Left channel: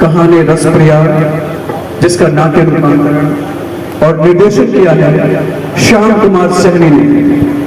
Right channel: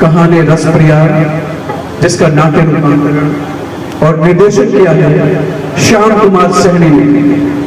कहानी रस प्रिया, जिसका नाट्य रूपांतरण और निर्देशन किया है श्याम कुमार सहनी ने।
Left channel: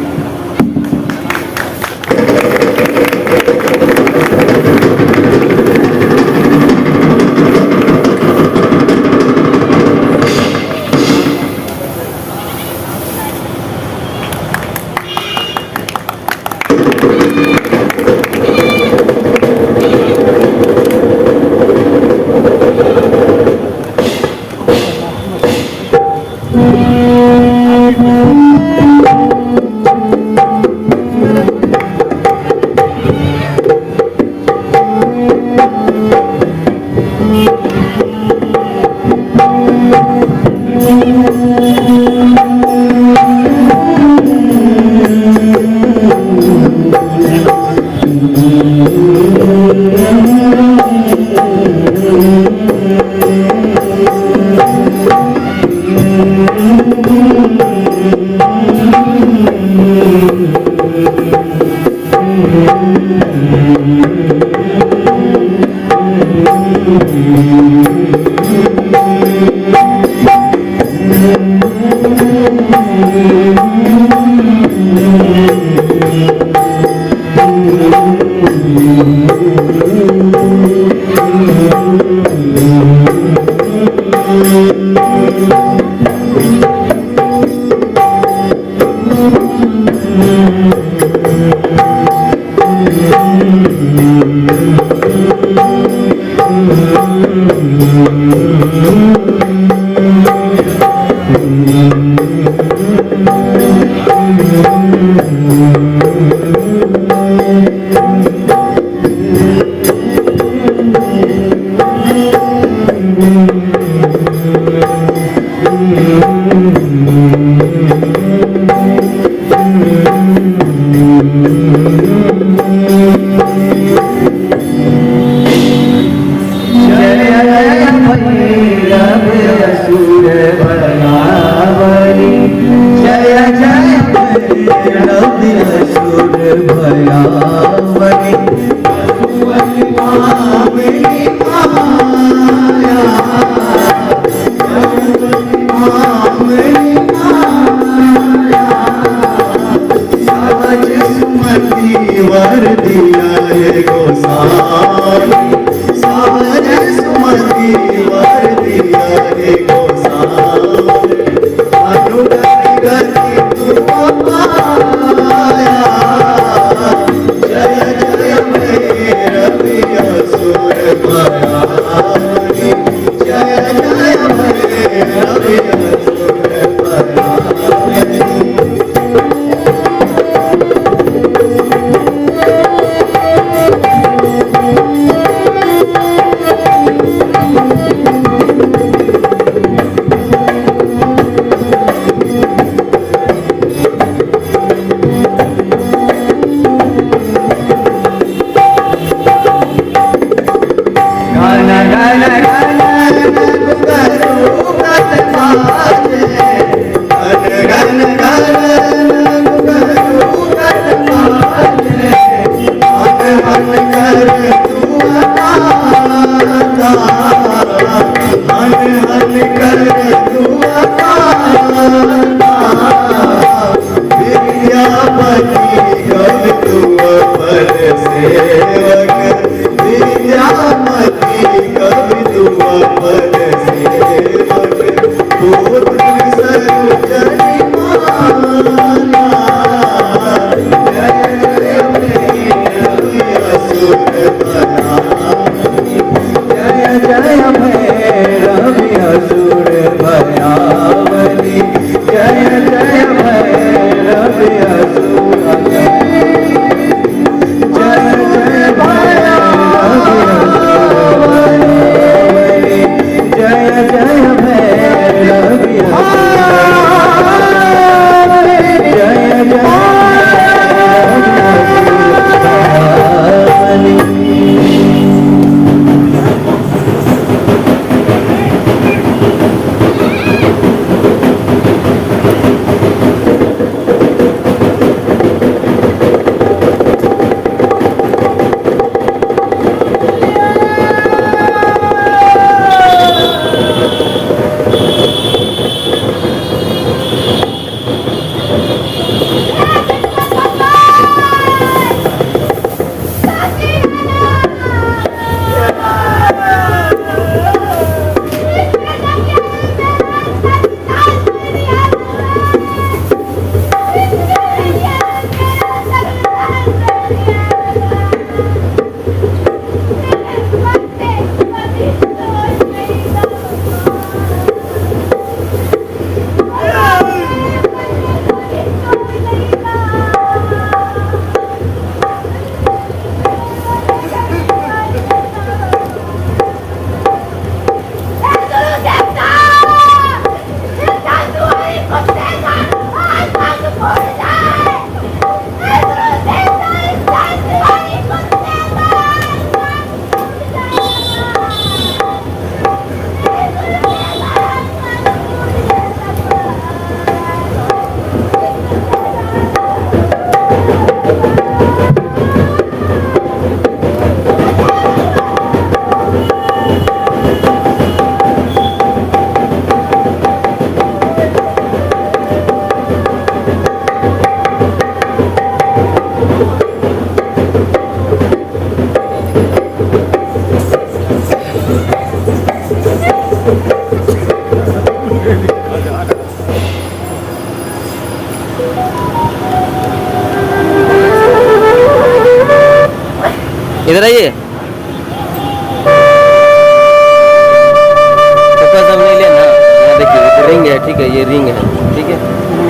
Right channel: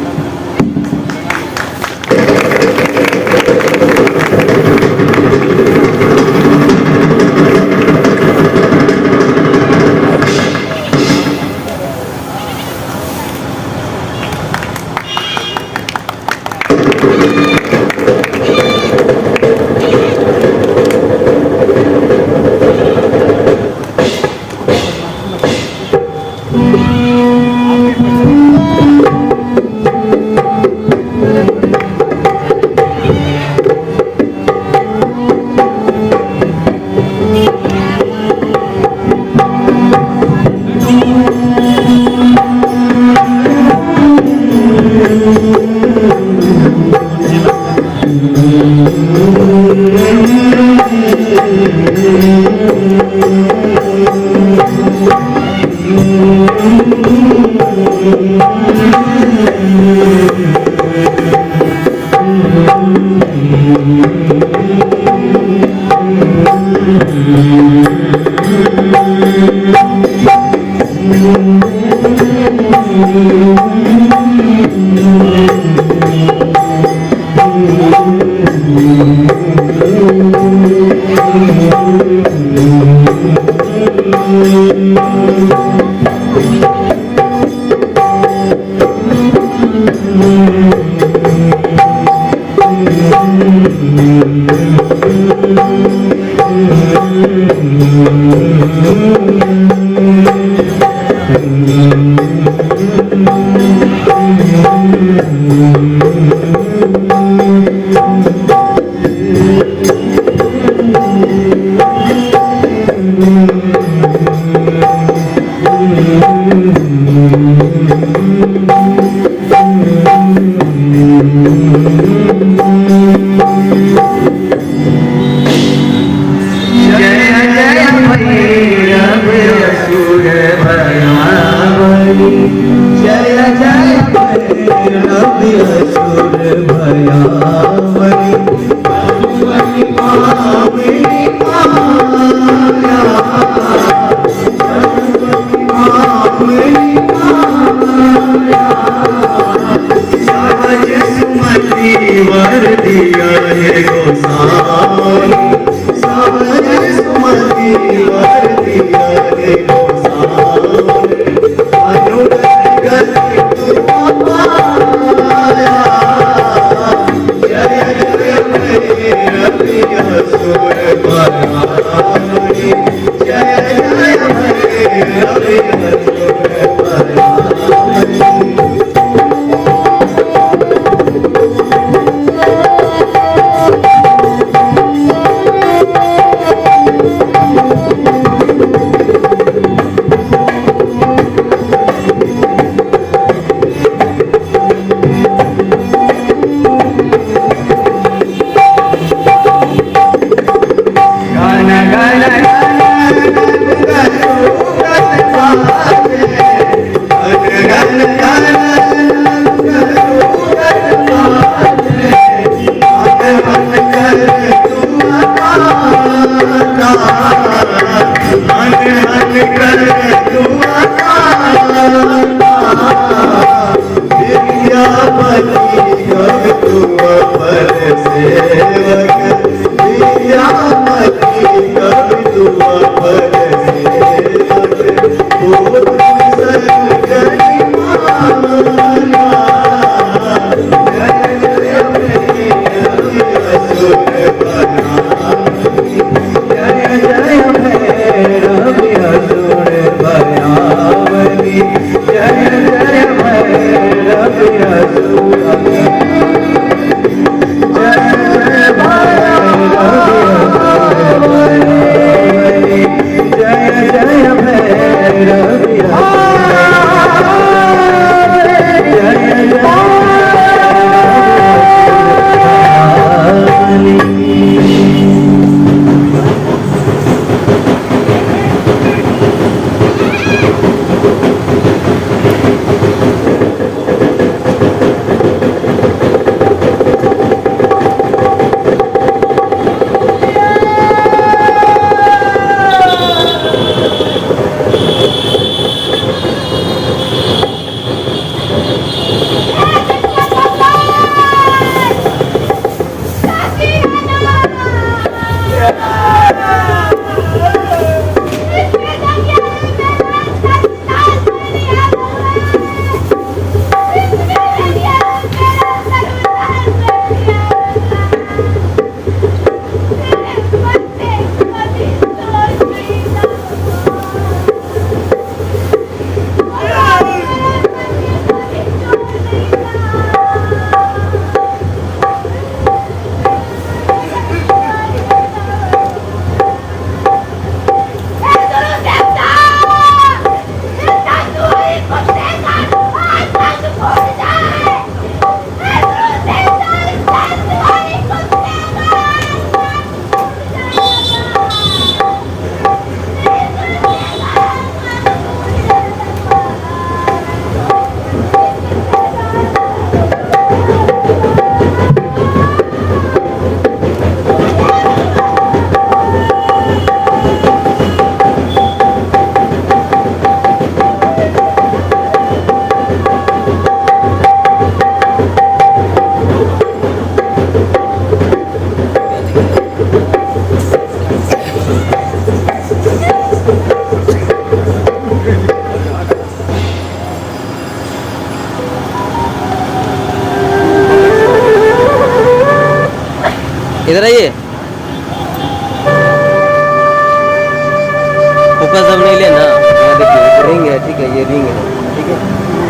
फोकस अब नहीं लेना। यहाँ देखिए एक रिंग है, ठीक है, ये रिंग है, ठीक है,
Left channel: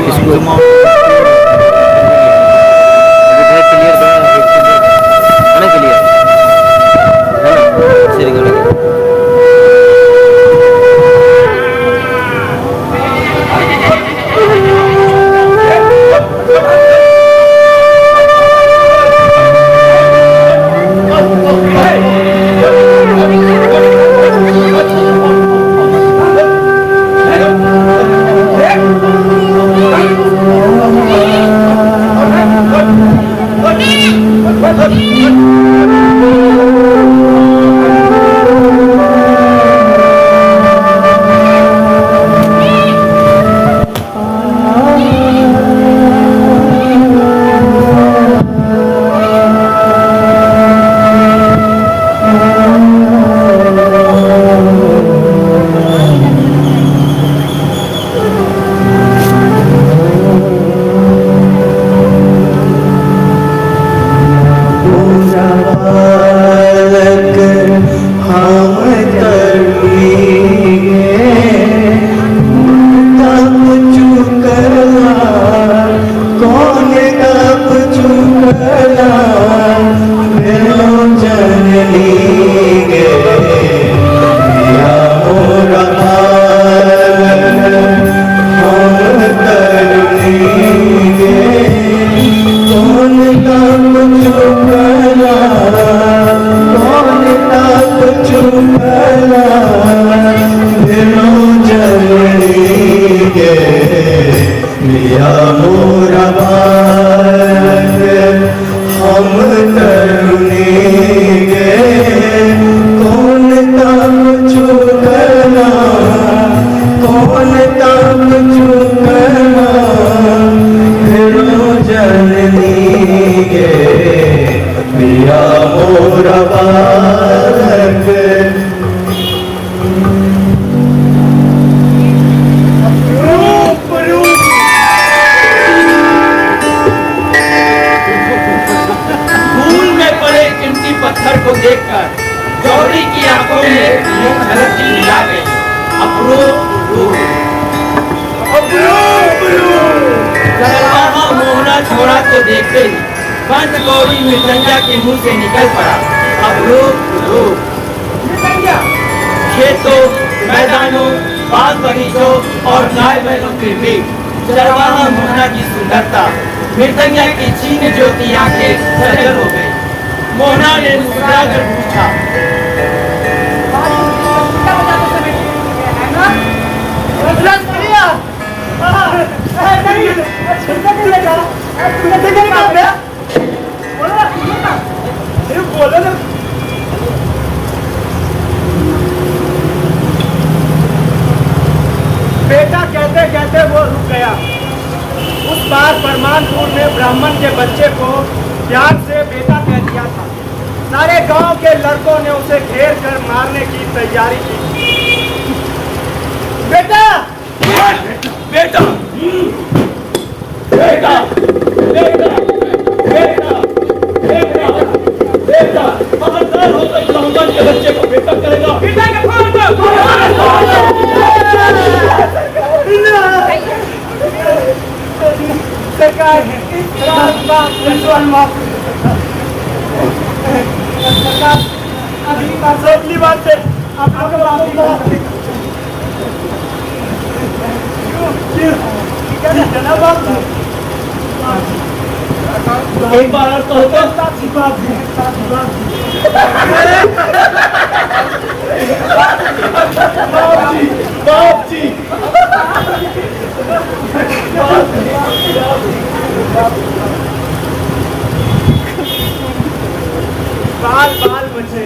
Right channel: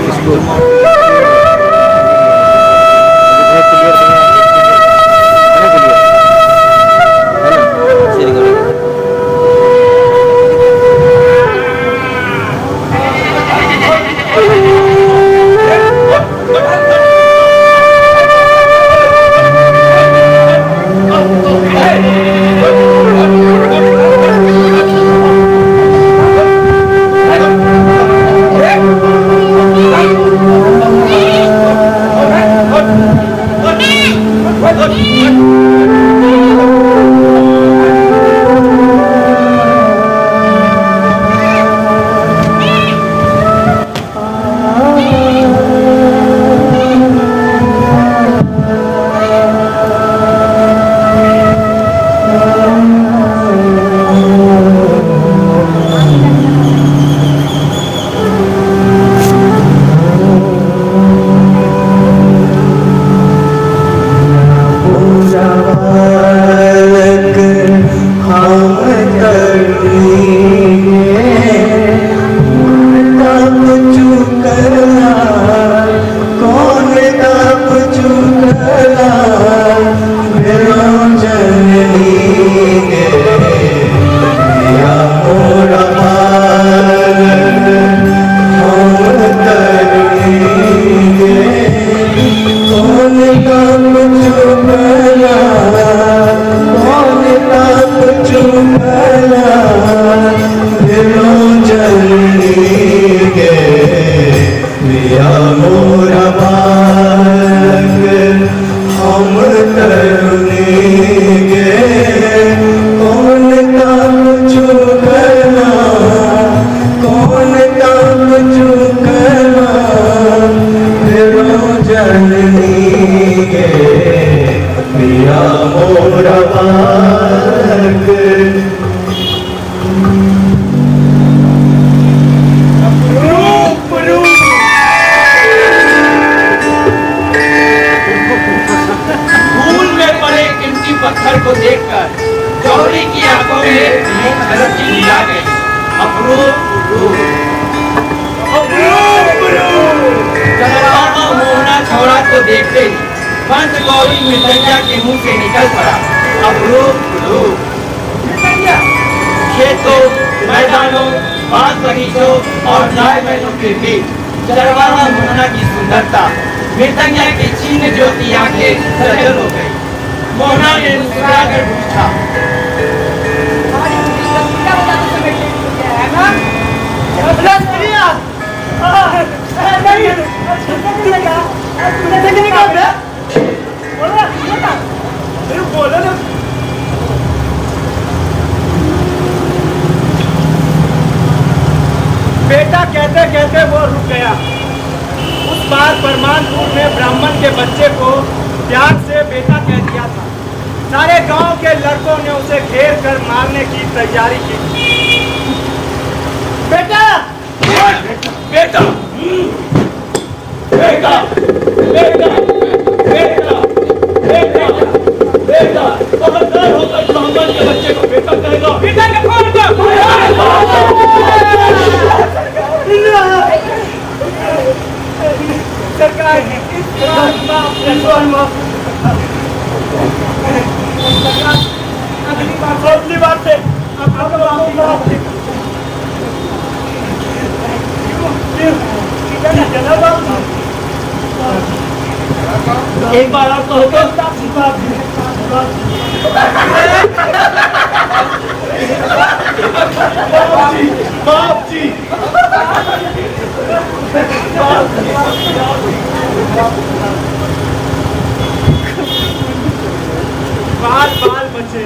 इसको क्लियर करना, क्लियर है ना, से रिंग लगा। पत्थर को देखकर गौरी की आंखों में झलक चिल्ला गई, मोहना छोरा को देखते ही पंच गौरी मृदंगा के मुंह से निकल पड़ा, खेतों, मैदानों, बाग बगीचों और गाय बैलों के बीच चरवाहा मोहना की सुंदरता मृदंगा की छीन ज्योति आंखें सजल हो गई। मोहना ने मुस्कुरा कर पूछा, बेटा कहते कहते वो रुक गया। उस बार परमानपुर में ब्राह्मण के बच्चे को प्यार से बेटा कह दिया था। सारे गांव के लड़कों ने उसे घेर कर मारने की तैयारी की। बेटा बेटा बेटा बेटा बेटा बेटा बेटा बेटा खबरदार हो तो ब्राह्मण के बच्चे को बेटा करेगा। बेटा के फोन दो। सरकार अगली बार से आपको एक बार और तो होगा बाप जी बाल बाल बच्चे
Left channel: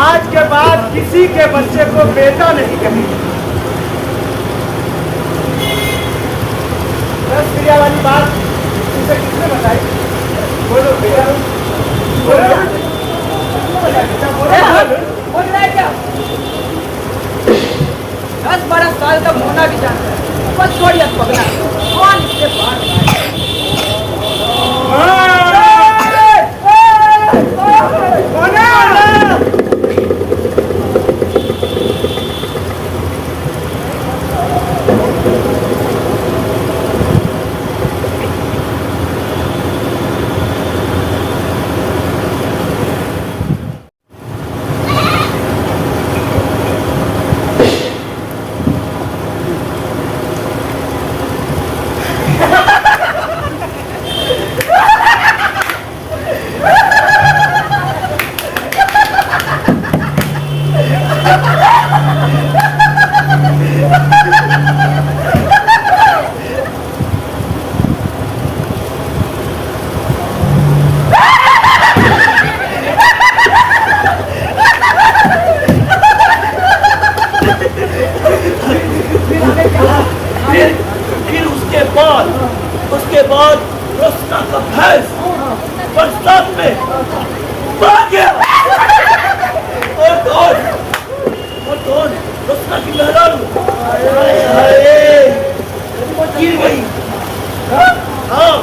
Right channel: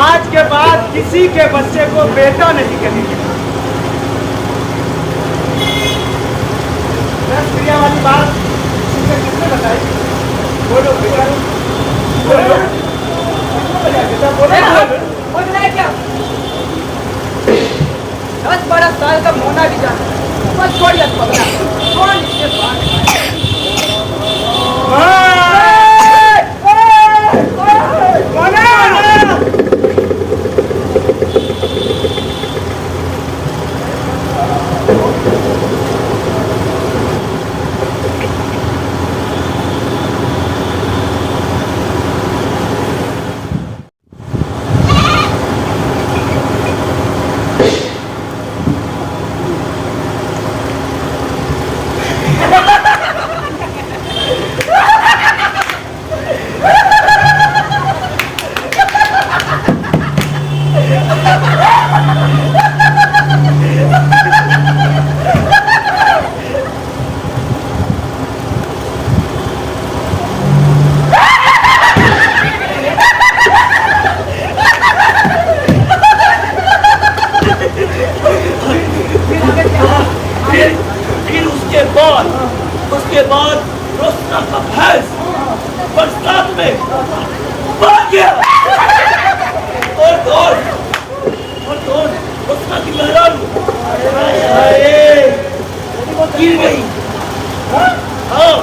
आज के बाद किसी के बच्चे को बेटा नहीं कहेंगे। रस क्रिया वाली बात किसने बताई? बोलो बेटा, बोलो बेटा, बोलो क्या? 10-12 साल का होना भी जानता है, बस छोड़िए पकड़ा कौन इसके पास फिर उसके बाद रोशना का भैंस बरसात में भाग गया और रोशना की मेहरारू गिर गई। हाँ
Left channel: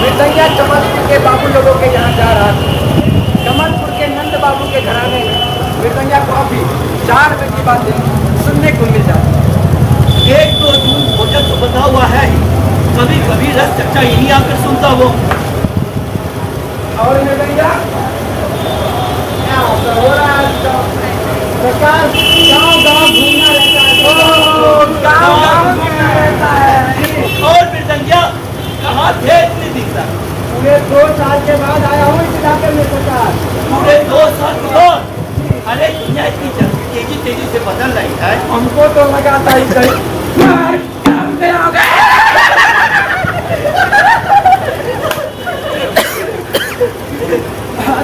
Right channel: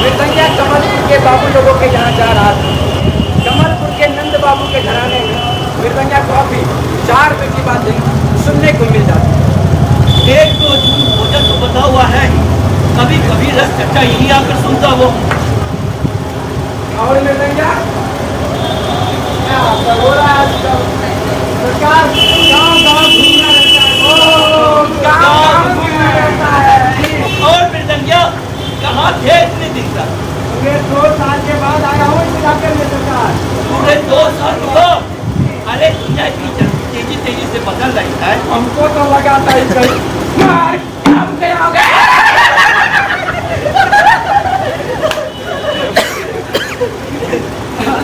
मृदंगिया कमलपुर के बाबू लोगों के यहाँ जा रहा था। कमलपुर के नंद बाबू के घराने में मृदंगिया को अभी 4 रुपए की बातें सुनने को मिल जाती। एक तो जून भोजन तो बता हुआ है ही, कभी कभी रस चर्चा यहीं आकर सुनता वो। और मृदंगिया क्या हो रहा है आजकल? सरकार गाँव घूमना रहता है। गाँव घूमना रहता है। और मृदंगिया कहाँ थे इतने दिन तक? पूरे 2 साल के बाद आया हूँ इस इलाके में सरकार। पूरे 2 साल के बाद? अरे दुनिया इतनी तेजी से बदल रही है। हमको तो लगाता ही कहीं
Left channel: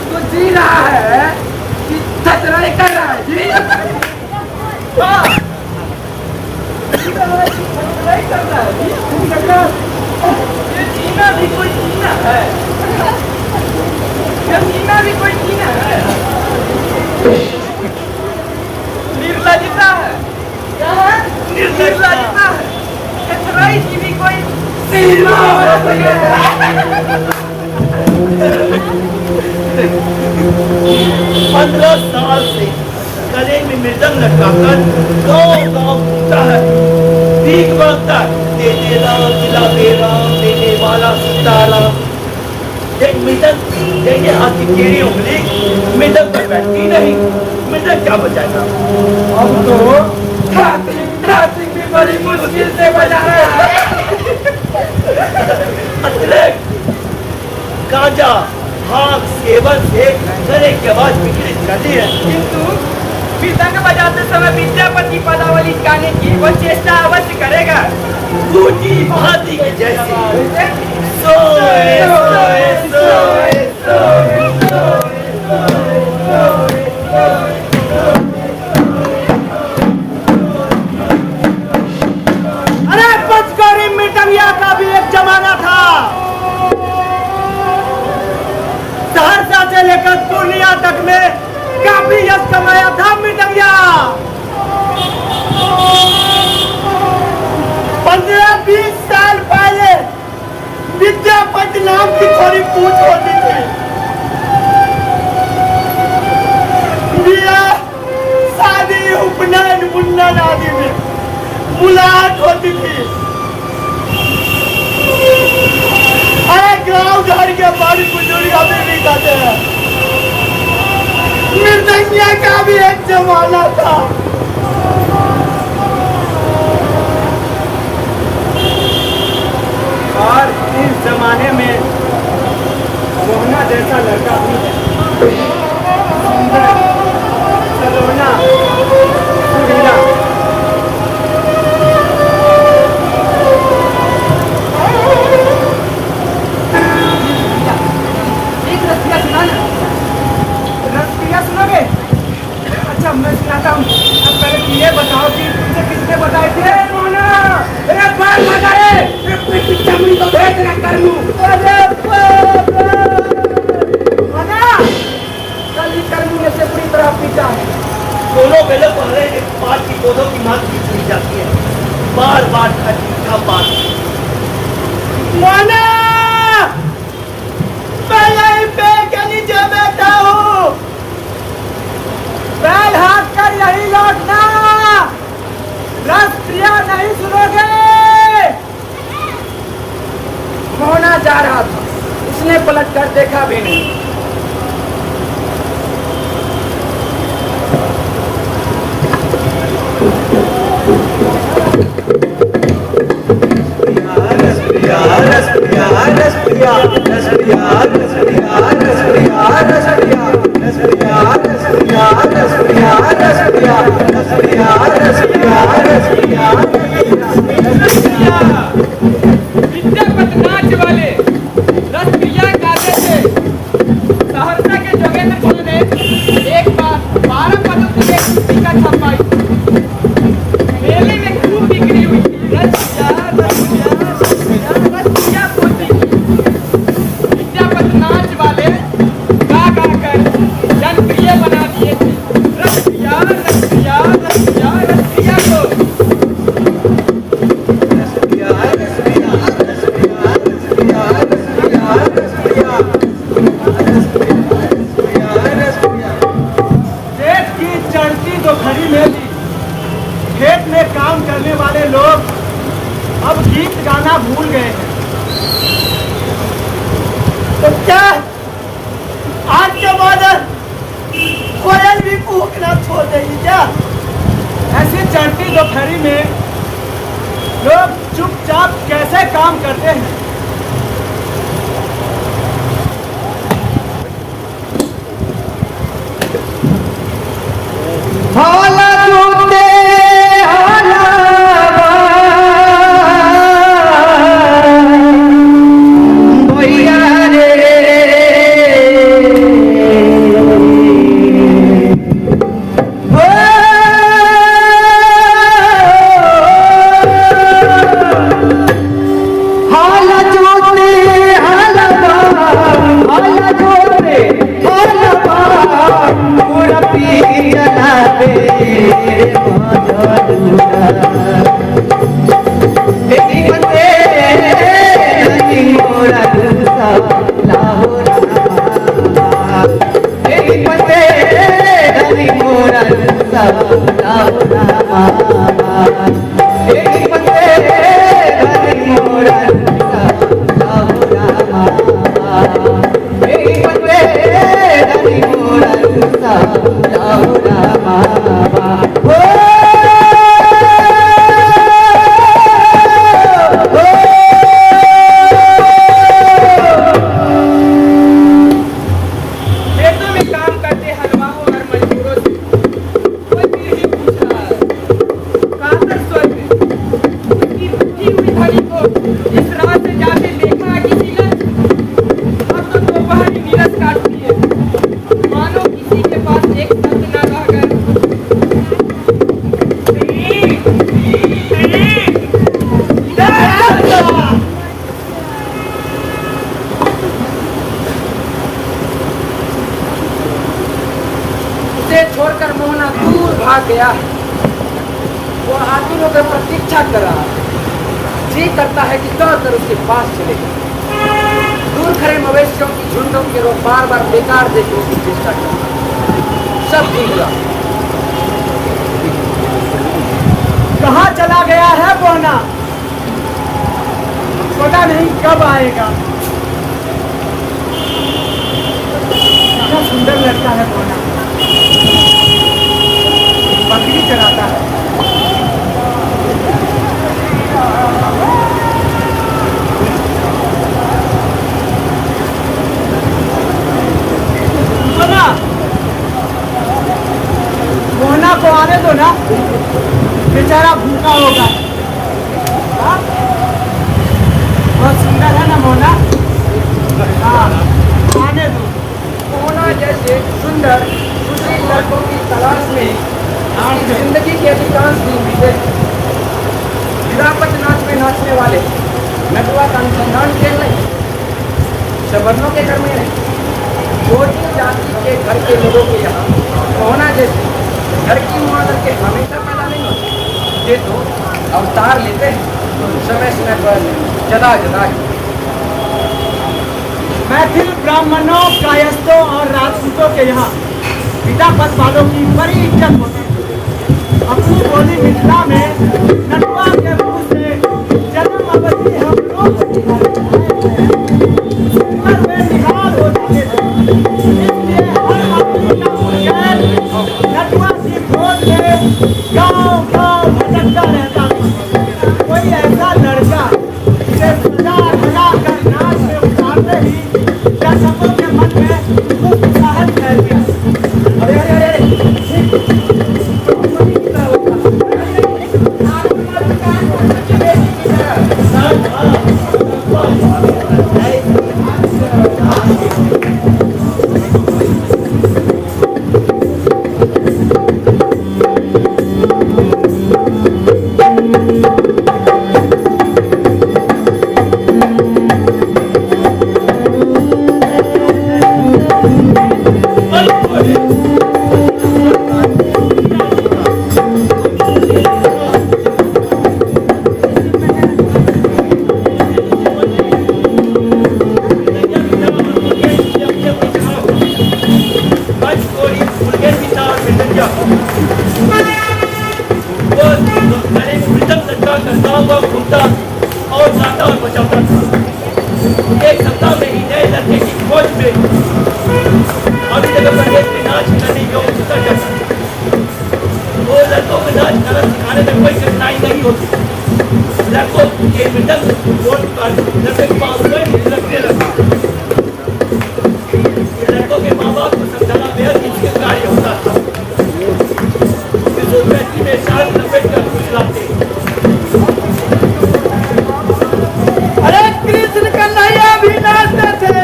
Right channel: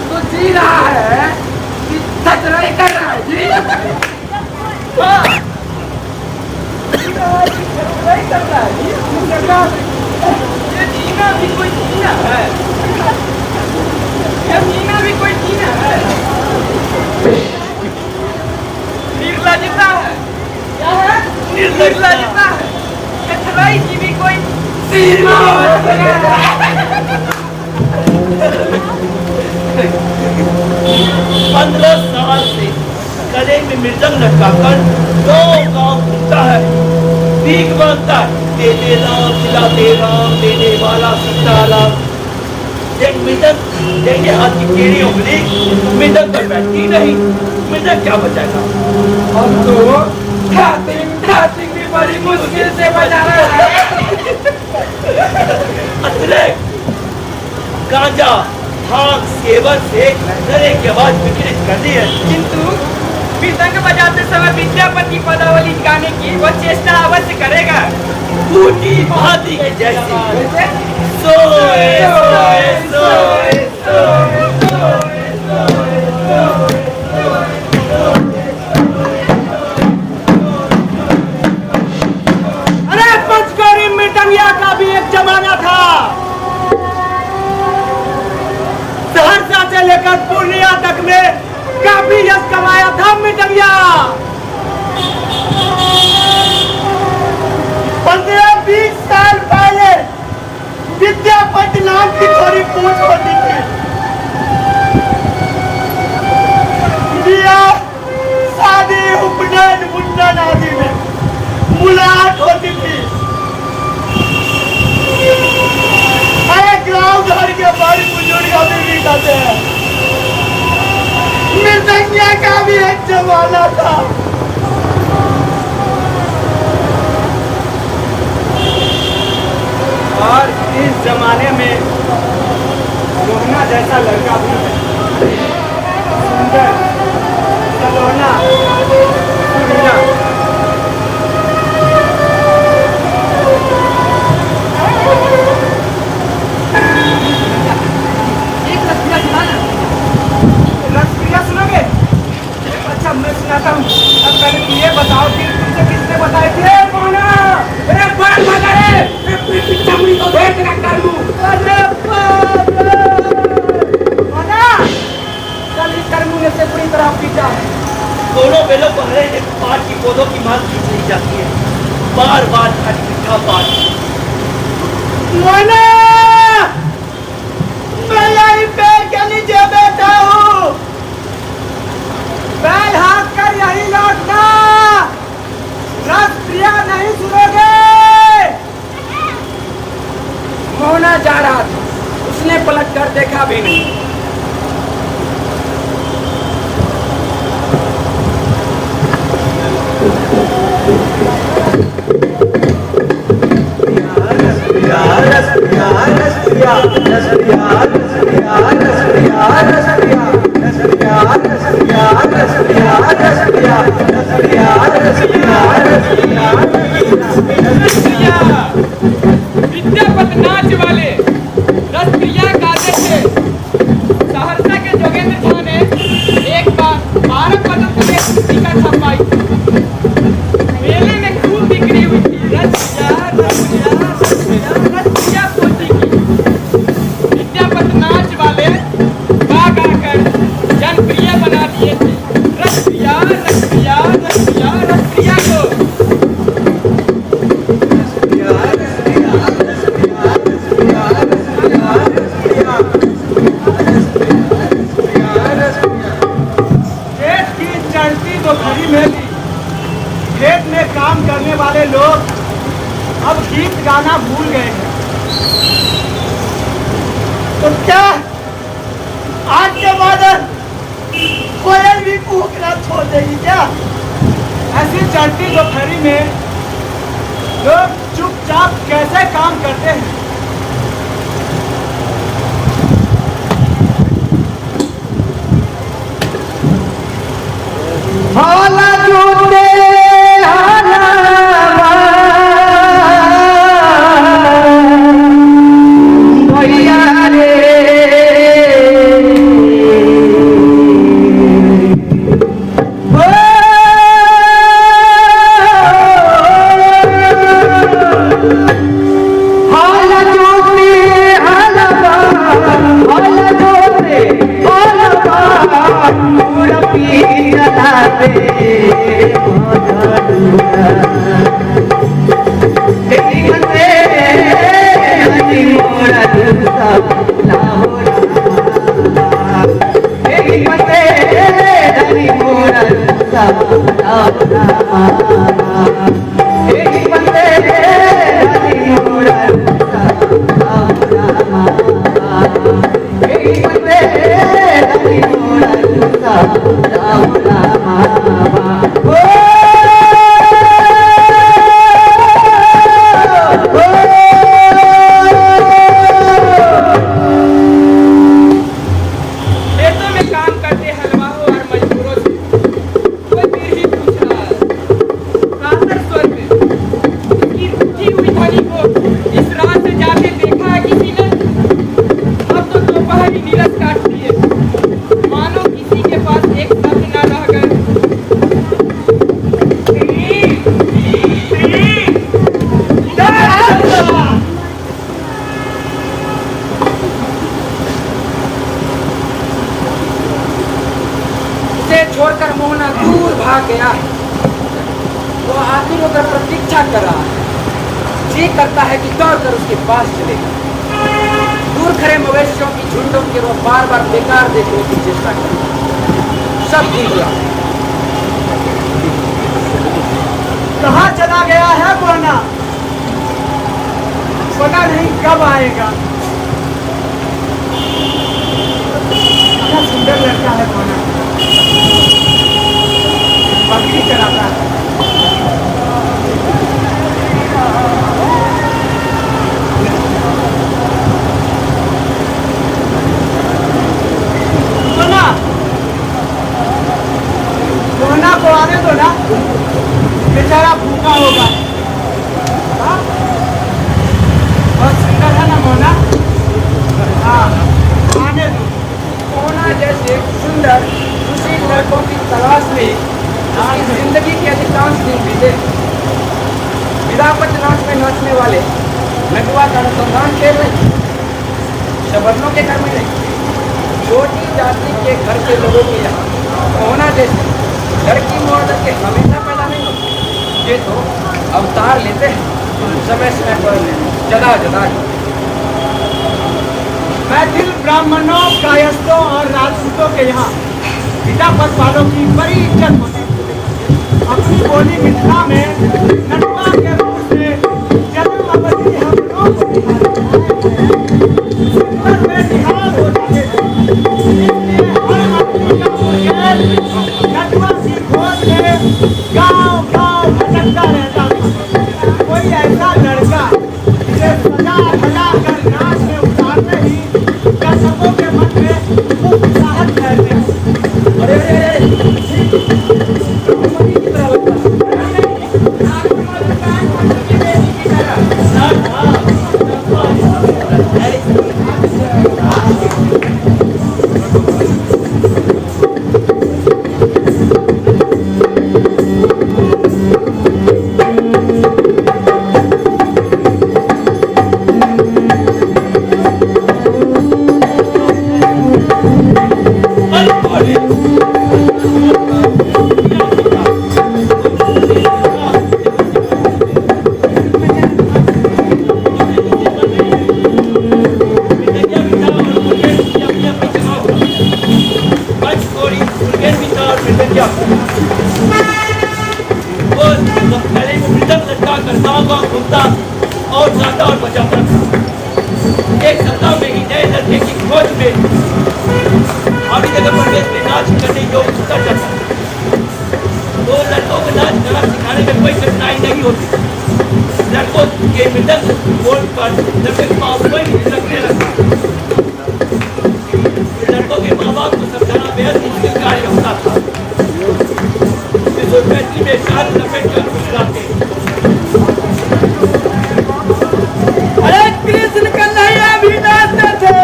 तो जी रहा है कि छतराई कर रहा है जी। छतराई कर रहा है जी। ये जीना भी कोई जीना है? ये जीना भी कोई जीना है? निर्लजता है। क्या है? निर्लजता है। छतराई की भी कोई सीमा होती है। 15 साल से गले में मृदंग लटकाकर गाँव घूमता है, भीख मांगता है, देते राम खिलाते राम, देने वाला सीताराम। एक मृदंग देने हाथ की टेढ़ी उंगली मृदंग पर बैठती नहीं, मृदंग क्या बचाएगा? हम तो ठातिंग भी बड़ी मुश्किल से बजा रहा है। अतिरिक्त गांजा भांग सेवन से गले की आवाज विकृत कर दी है। किंतु मृदंग बजाते समय विद्यापति पदावली गाने की वो चेष्टा अवश्य करेगा। बूटी भाती की जैसी सोए सोए सोए सोए अरे पंचगौरी मृदंगिया का भी एक जमाना था। सहरसा से लेकर पूर्णिया तक में काफी यश कमाया था मृदंगिया। 15-20 साल पहले विद्यापति नाम की थोड़ी पूछ होती थी। ब्याह शादी उपनयन मुंडन आदि में मुलाकात होती थी। अरे गाँव घर के बड़ी बुजुर्ग अभी भी कहते हैं मृदंगिया का भी एक जमाना था। और इस जमाने में मोहना जैसा लड़का भी है, सुंदर, सलोना, सुरीला। एक रसिया सुनाना। रसिया सुनोगे? अच्छा मैं सुनाता हूँ। अब पहले तुम ये बताओ कि तुमसे किसने बताए थे मोहना? अरे बाल भगा रे, चमड़ी तो भेज ना कर लूं। अरे बाप रे मोहना, कल ही कर ने उसे पूरी तरह पीटा है। दोनों बेलों को हरे एक पात की पौधों की मांग खींच ली जाती है। बार बार खाली मीठा पात। मोना, मैं यहीं पेड़ के नीचे बैठा हूँ, पैर हाथ कर यहीं लौटना, रस प्रिया नहीं सुनोगे। मोहना जा रहा था, उसने पलट कर देखा भी नहीं। विद्यापति नाच वाले रसप्रिया गाते थे। सहरसा के जोगेंद्र झा ने एक बार 12 पदों की एक पुस्तिका छपाई। मेले में खूब बिक्री हुई। रसप्रिया पोथी की। विद्यापति नाच वाले गा गा कर जनप्रिय बना दिए थे। रसप्रिया रसप्रिया रसप्रिया रसप्रिया को। दोपहरी में भी खेत में काम करने वाले लोग अब गीत गाना भूल गए हैं। तो क्या आज के बाद कोयल भी कूकना छोड़ देगी क्या? ऐसी चलती दोपहरी में लोग चुपचाप कैसे काम करते हैं? छोड़कर मोहना दूर भाग गया है। वो आतुर होकर प्रतीक्षा कर रहा है। जी करता है कि दौड़कर उसके पास चलेगा। दूर खड़े मवेशियों की झुंडों की ओर बार बार बेकार देखने की चेष्टा करता। सब निकला। कहाँ चला गया है मोहना? पता नहीं कब आएगा। इतना सुंदर लगता है मोहना। बकरी चलाता है। मोहना को आने दो ना, बेचारा भूखा होगा। बहुत सुंदर है ना मोहना? हाँ, आने दो। मोहना जैसे सुंदर सुशील लड़कों की तलाश में उसकी जिंदगी के अधिकांश दिन बीते। विद्यापति नाच में नाचने वाले नटुआ का अनुसंधान खेल नहीं, सवर्णों के घर में नहीं, छोटी जाति के घर के लोगों के यहाँ मोहना जैसे लड़की मोड़ करके हमेशा पैदा नहीं होती। ये तो अवतार लेते हैं समय समय पर जदा जदा ही। मैथिल ब्राह्मणों, कायस्थों और राजपूतों के यहाँ पिता पद वालों की बड़ी इज्जत होती है। अपनी बोली मिथिला में नटवा के मुंह से जन्म अवधि हम लोग में निहाल हो जाते थे। इसलिए हर आदमी का पुरखैर नटवा की खोज में गांव गांव भटकता रहता था। कोई ऐसा लड़का जिसे सजा धजा कर नाच में उतारते ही दर्शकों के मन में उत्साहत फैल गया। अरे अरे अरे मम्मी की तरह लगता और गाता और बचाता था। एक सप्ताह में ही नए लड़के की खोज में अभी जगह परवेश में नाच करने योग्य उतर जाता था। वो लड़कों को नाच गाना सिखाने में कोई कठिनाई नहीं होती। लड़कों के मृदंग बोर्ड पर लड़के के पास कोई भी लगने लगा। लड़कों के माँ बाप को समझाना बेहद मुश्किल कार्य होता था। बैटरी में शाद लपेट कर फुसलाते। अरे कृष्ण कन्हैया भी नाचते थे।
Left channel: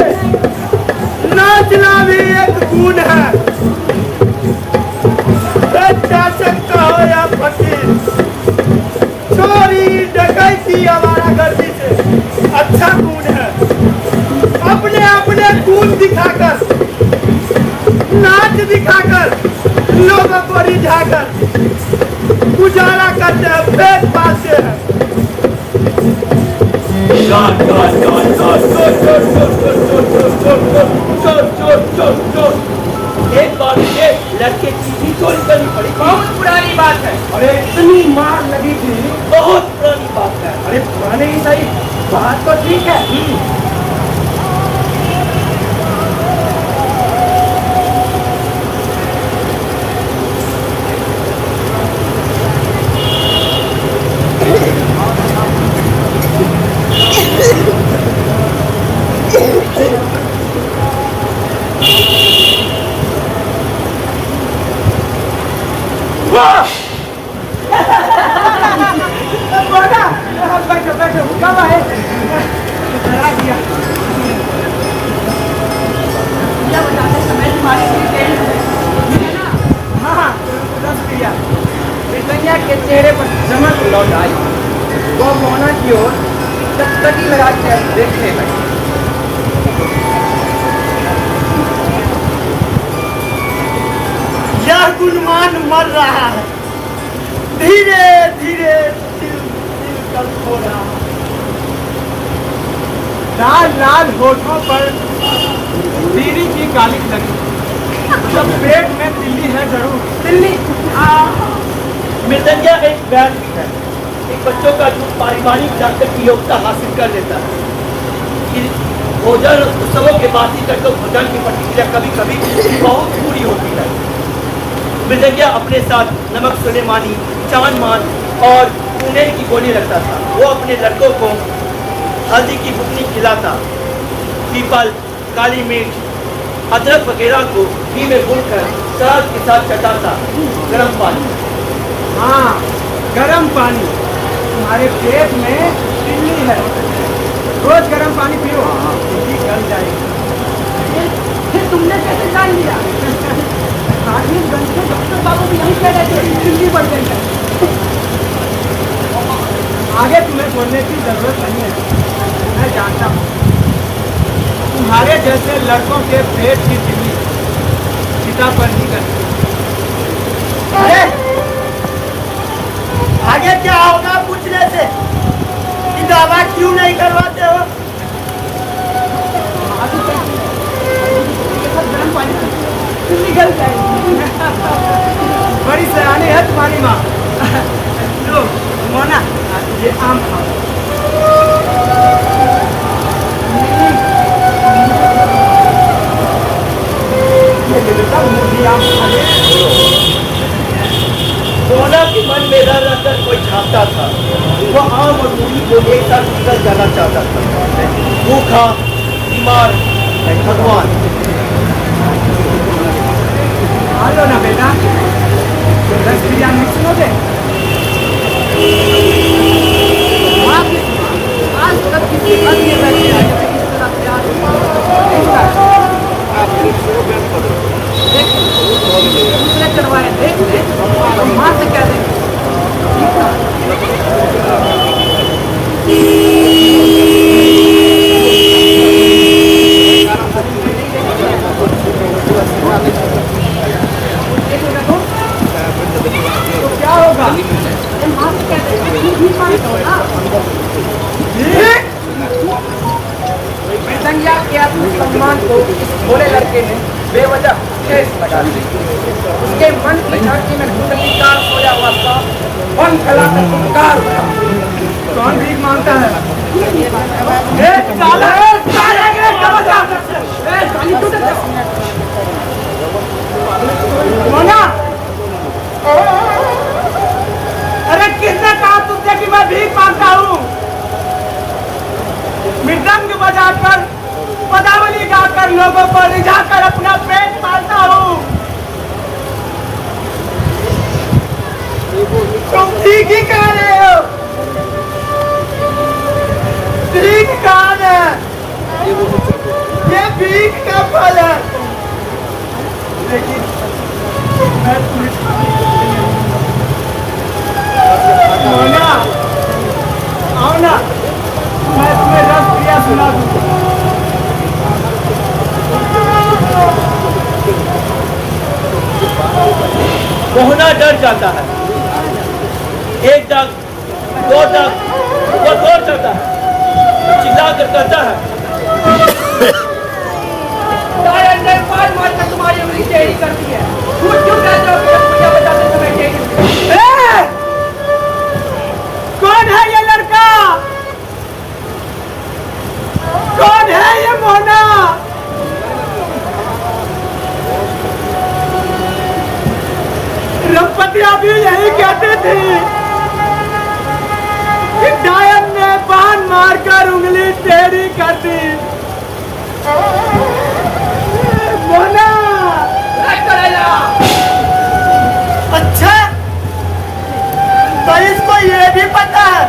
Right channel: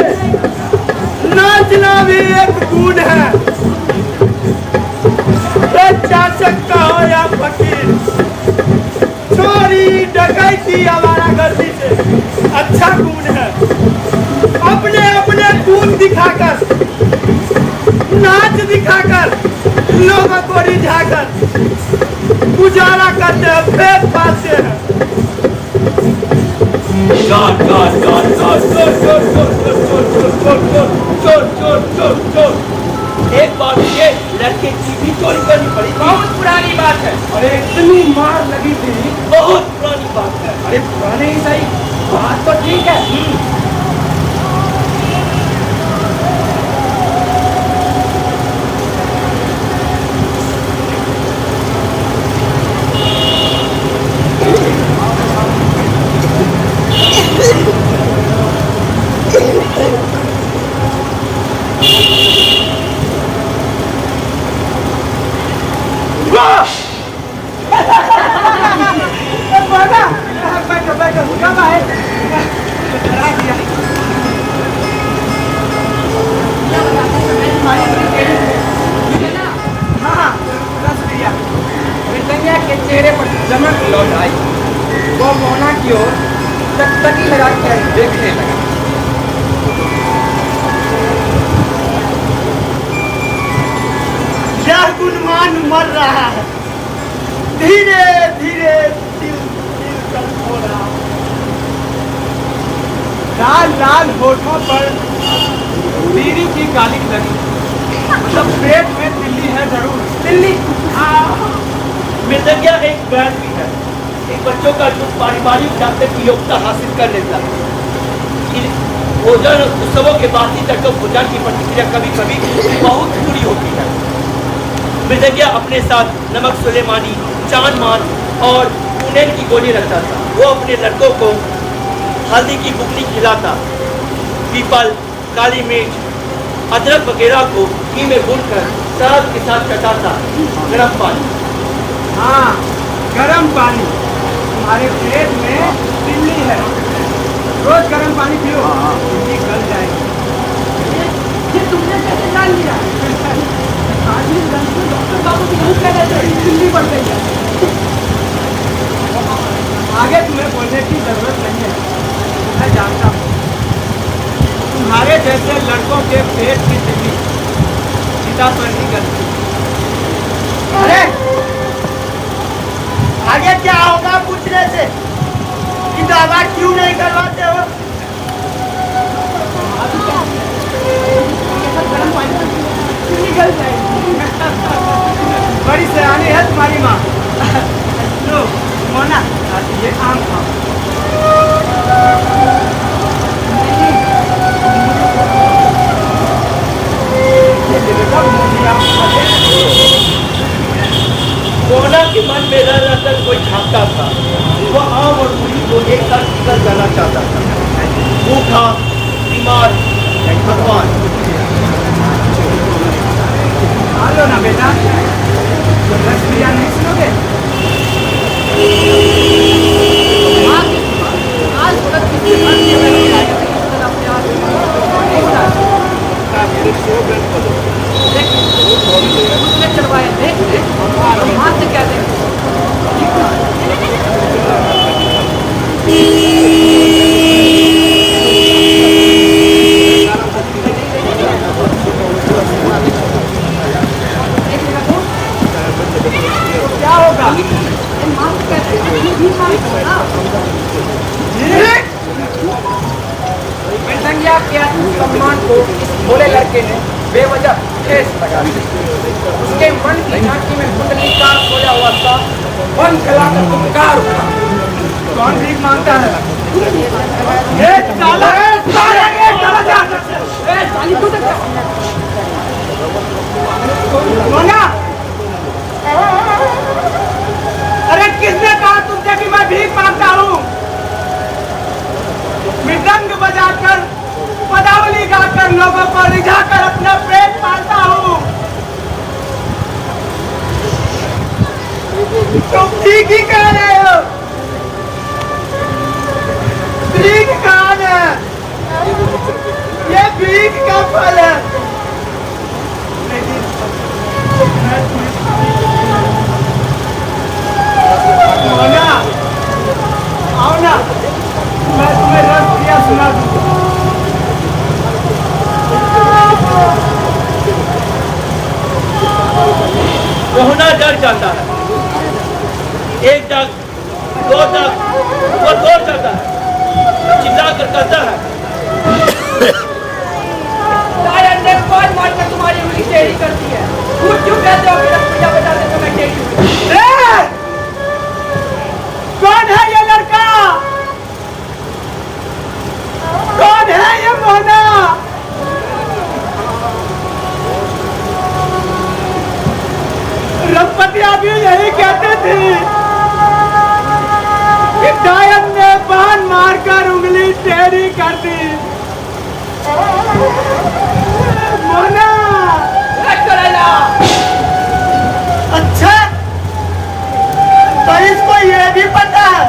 नाचना भी एक गुण है। शासक का हो या फकीर, चोरी डकैती आवारागर्दी से अच्छा गुण है। अपने अपने गुण दिखाकर, नाच दिखाकर, लोगों को रिझाकर गुजारा करते हैं, पेट पालते हैं। चोर चोर चोर चोर चोर चोर चोर चोर चोर चोर चोर चोर चोर चोर। एक बार ये लड़के की भी चोरी करनी पड़ी। बहुत पुरानी बात है। अरे इतनी मार लगी थी। बहुत पुरानी बात है। अरे पुराने ही सही, बात तो ठीक है। बैठो बैठो, कब आए? क्या बताते समय तुम्हारी है ना? हाँ, रस दिया। मृदंगिया के चेहरे पर चमक लौट आई। वो मोहना की ओर टकटकी लगा कर देखने लगा। यह गुणवान मर रहा है। धीरे धीरे कल खोला। लाल लाल होठों पर बीड़ी की काली लगी। मतलब पेट में तिल्ली है जरूर। तिल्ली मृदंगिया एक ब्रांड भी है। एक बच्चों का जो पारिवारिक डॉक्टर की योग्यता हासिल कर लेता है। भोजन उत्सवों के बासी तक भोजन की प्रतिक्रिया कभी कभी बहुत बुरी होती है। मृदंगिया अपने साथ नमक सुलेमानी, चांदमान और कुनेर की गोली रखता था। वो अपने लड़कों को हल्दी की बुकनी खिलाता, पीपल, काली मिर्च, अदरक वगैरह को घी में भूनकर सलाद के साथ चटाता। गर्म पानी, हाँ गर्म पानी। तुम्हारे पेट में तिल्ली है, रोज गर्म पानी पियो, तिल्ली गल जाएगी। फिर तुमने कैसे जान लिया? काजलगंज के डॉक्टर बाबू भी नहीं कह रहे थे तिल्ली बढ़ गई है। आगे तुम्हें बोलने की जरूरत नहीं है, मैं जानता हूँ। तुम्हारे जैसे लड़कों के पेट की बिजली पिता पर नहीं करती। अरे आगे क्या होगा पूछने से कि दवा क्यों नहीं करवाते हो? गर्म पानी निकल जाएगी। बड़ी सयानी है तुम्हारी माँ। लो मोना, ये आम खाओ। ये बेटा मुझे आम खा ले। मोना के मन में रह रहकर कोई झांकता था। वह आम और मूढ़ी को एक साथ निकल जाना चाहता था। भूखा, बीमार, भगवान। आ लो ना बेटा, रस पिया नहीं सुनोगे? आज तक किसी घर में बैठे आगे से किस तरह प्यार से नहीं सुना? दूसरे चलवाए देख तो माँ से क्या देंगे? तो क्या होगा? माँ से क्या मृदंगिया के आत्मसम्मान को इस भोले लड़के ने बेवजह ठेस लगा दी। उसके मन की झांकी में कुंडली का सोया हुआ था, वन कलाकर पुकार उठा। कौन भीख मांगता है? मोना, अरे किसने कहा तुमसे कि मैं भीख मांगता हूँ? मृदंग बजाकर, पदावली गाकर लोगों को रिझाकर अपना पेट पालता हूँ। तुम ठीक ही कह रहे हो। भीख कौन है? ये भीख का फल है। मोना, आओ ना, मैं तुम्हें रस प्रिया सुना दूँ। मोहना डर जाता है। एक डग, दो डग, वो दौड़ जाता है, चिल्ला कर कहता है, दायन ने पाल मार कर तुम्हारी उंगली टेढ़ी कर दी है। झूठ क्यों कहते हो कि रस प्रिया बजाते समय टेढ़ी हुई? कौन है ये लड़का? कौन है ये मोना? रघुपति अभी यही कहते थे कि गायन ने बाण मारकर उंगली टेढ़ी कर दी। मोना, अच्छा, तो इसको ये भी पता है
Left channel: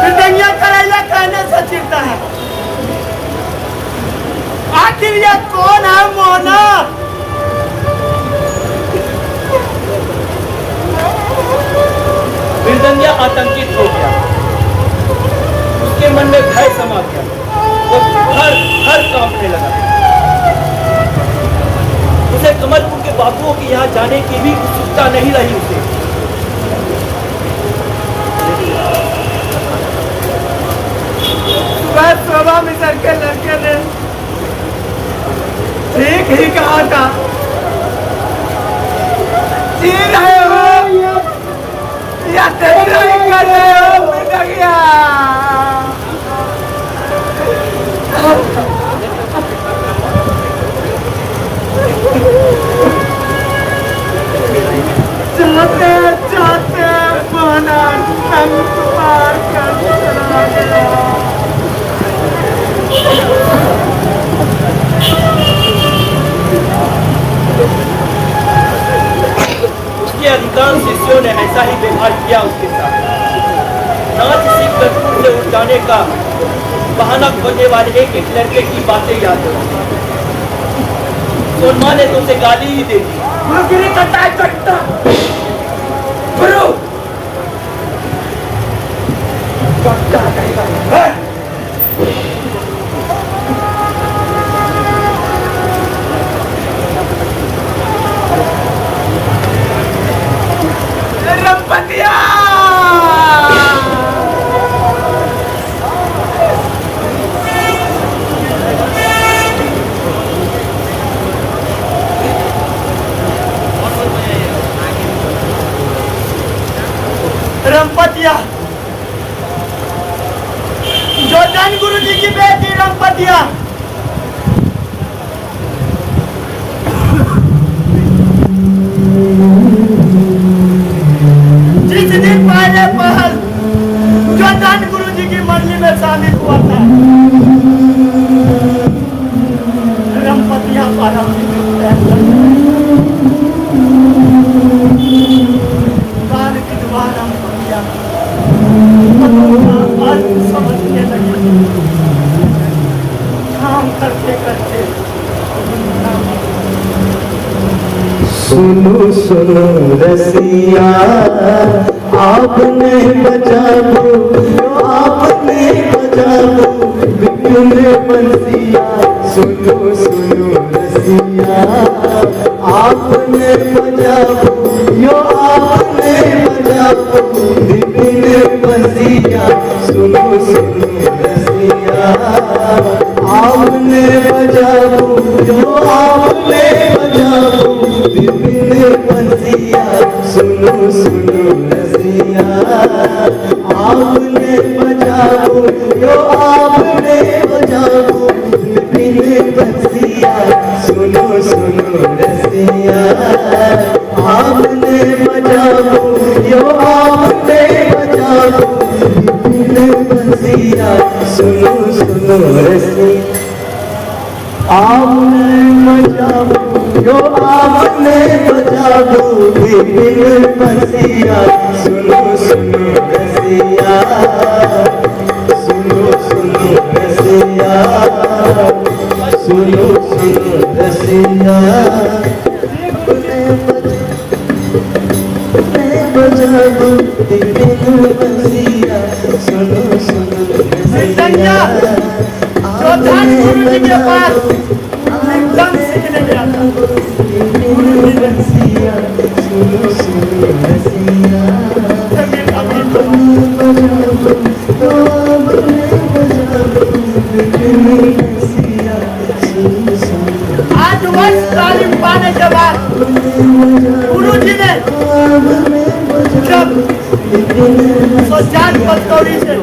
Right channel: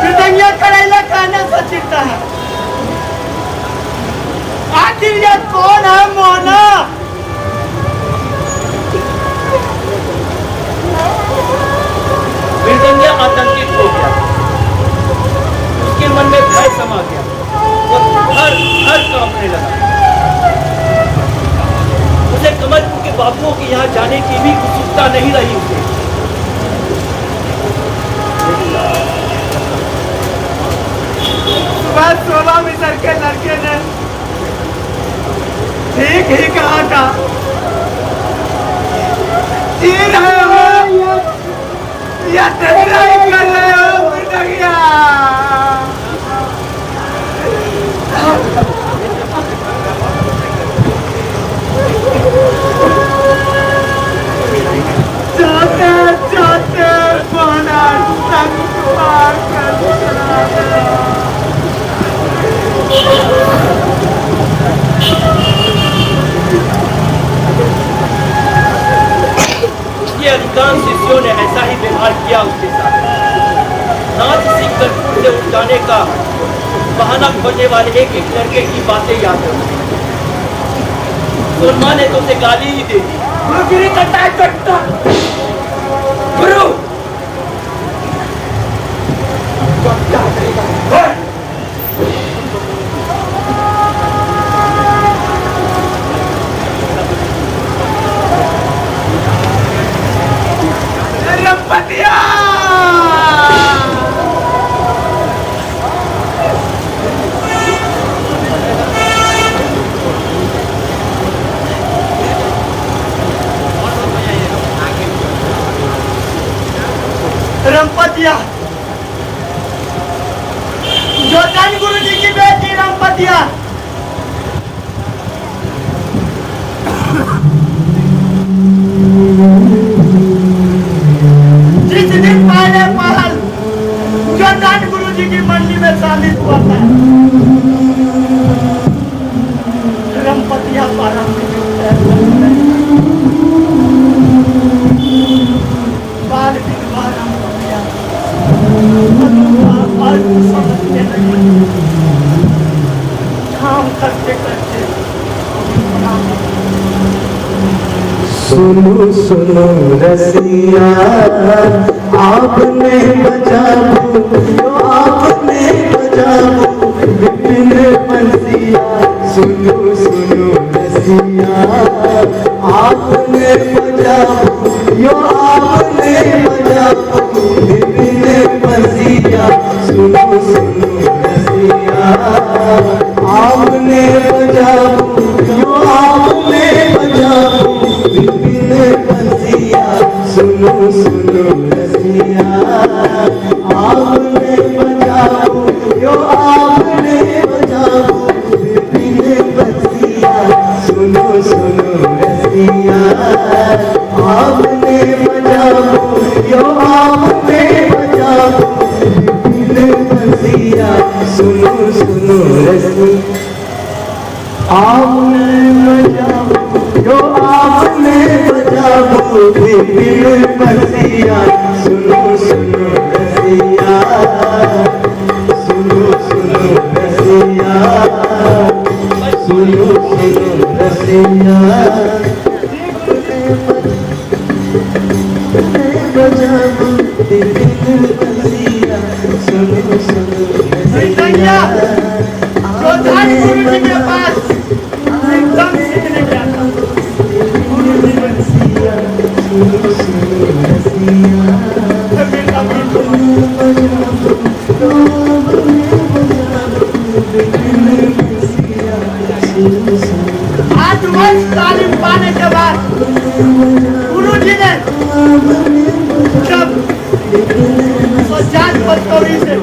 कि दुनिया करेला कहने से चिढ़ता है। आखिर ये कौन है मोना? मृदंगिया आतंकित हो गया। उसके मन में भय समा गया। वो हर कांपने लगा। उसे कमलपुर के बाबुओं के यहाँ जाने की भी उत्सुकता नहीं रही उसे। सुबह शोभा मिसर के लड़के ने ठीक ही कहा था। जी रहे हो या टकराई कर रहे हो मृदंगिया? चाहते चाहते मोना संग पार कर चला गया। उसके अधिकांश शिष्यों ने ऐसा ही व्यवहार किया उसके साथ। नाच सीखकर फूल से उड़ जाने का बहाना खोजने वाले एक एक लड़के की बातें याद है। सोनमा ने तो उसे गाली ही दे दी। गुरुगिरी करता है कट्टा। गुरु कट्टा कहेगा। रमपतिया, जो धन गुरु जी की बेटी रमपतिया जिस दिन पहले पहल जो धन गुरु जी की मंडी में शादी हुआ था, रमपतिया काल के द्वारा रमपतिया समझने लगी, काम करते करते सुनो सुनो रसिया, आपने बचाओ जो आपने बचाओ विपिन बंसिया। सुनो सुनो रसिया, आपने बचाओ जो आपने बचाओ विपिन बंसिया। सुनो सुनो रसिया, आपने बचाओ जो आपने बचाओ विपिन बंसिया। सुनो सुनो रसिया, आपने बचाओ जो आपने बचाओ विपिन बंसिया। सुनो सुनो रसिया, आपने बचाओ जो आपने बचाओ विपिन बंसिया। सुनो सुनो रसिया, आपने बचाओ जो आपने बचाओ विपिन बंसिया। सुनो सुनो रसिया, सुनो सुनो रसिया, सुनो सुनो रसिया, बचाओ विपिन बंसिया। सुनो सुनो रसिया, जो धन गुरु जी के पास धन सीखने गया था, आठ वर्ष तालीम पाने के बाद गुरु जी ने जब सोचान पटौरी से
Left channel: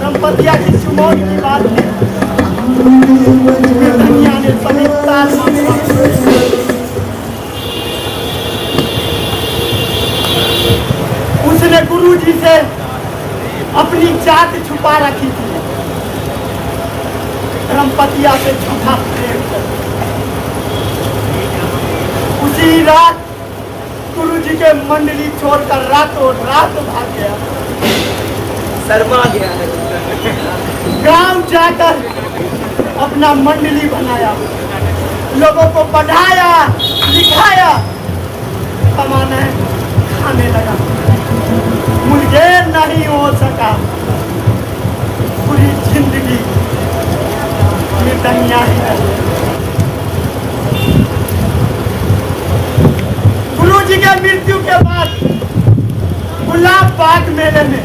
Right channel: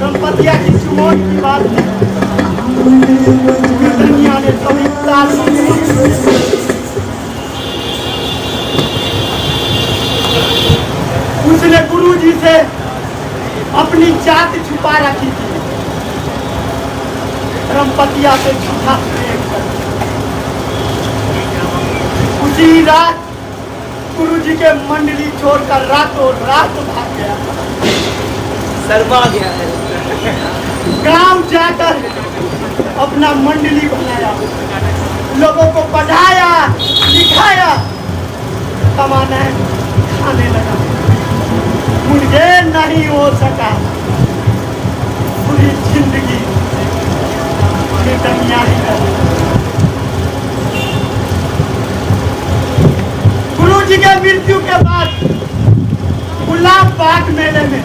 रमपतिया की चुमौन की बात कन्या ने समिता उसने गुरु जी से अपनी जात छुपा रखी थी, रमपतिया से झूठा प्रेम कर। उसी रात गुरु जी के मंडली छोड़कर रातों रात भाग गया, शर्मा गया है। गांव जाकर अपना मंडली बनाया, लोगों को पढ़ाया लिखाया, कमाना खाने लगा। मुझे नहीं हो सका, पूरी जिंदगी कन्या गुरु जी के मृत्यु के बाद गुलाब बाग मेले में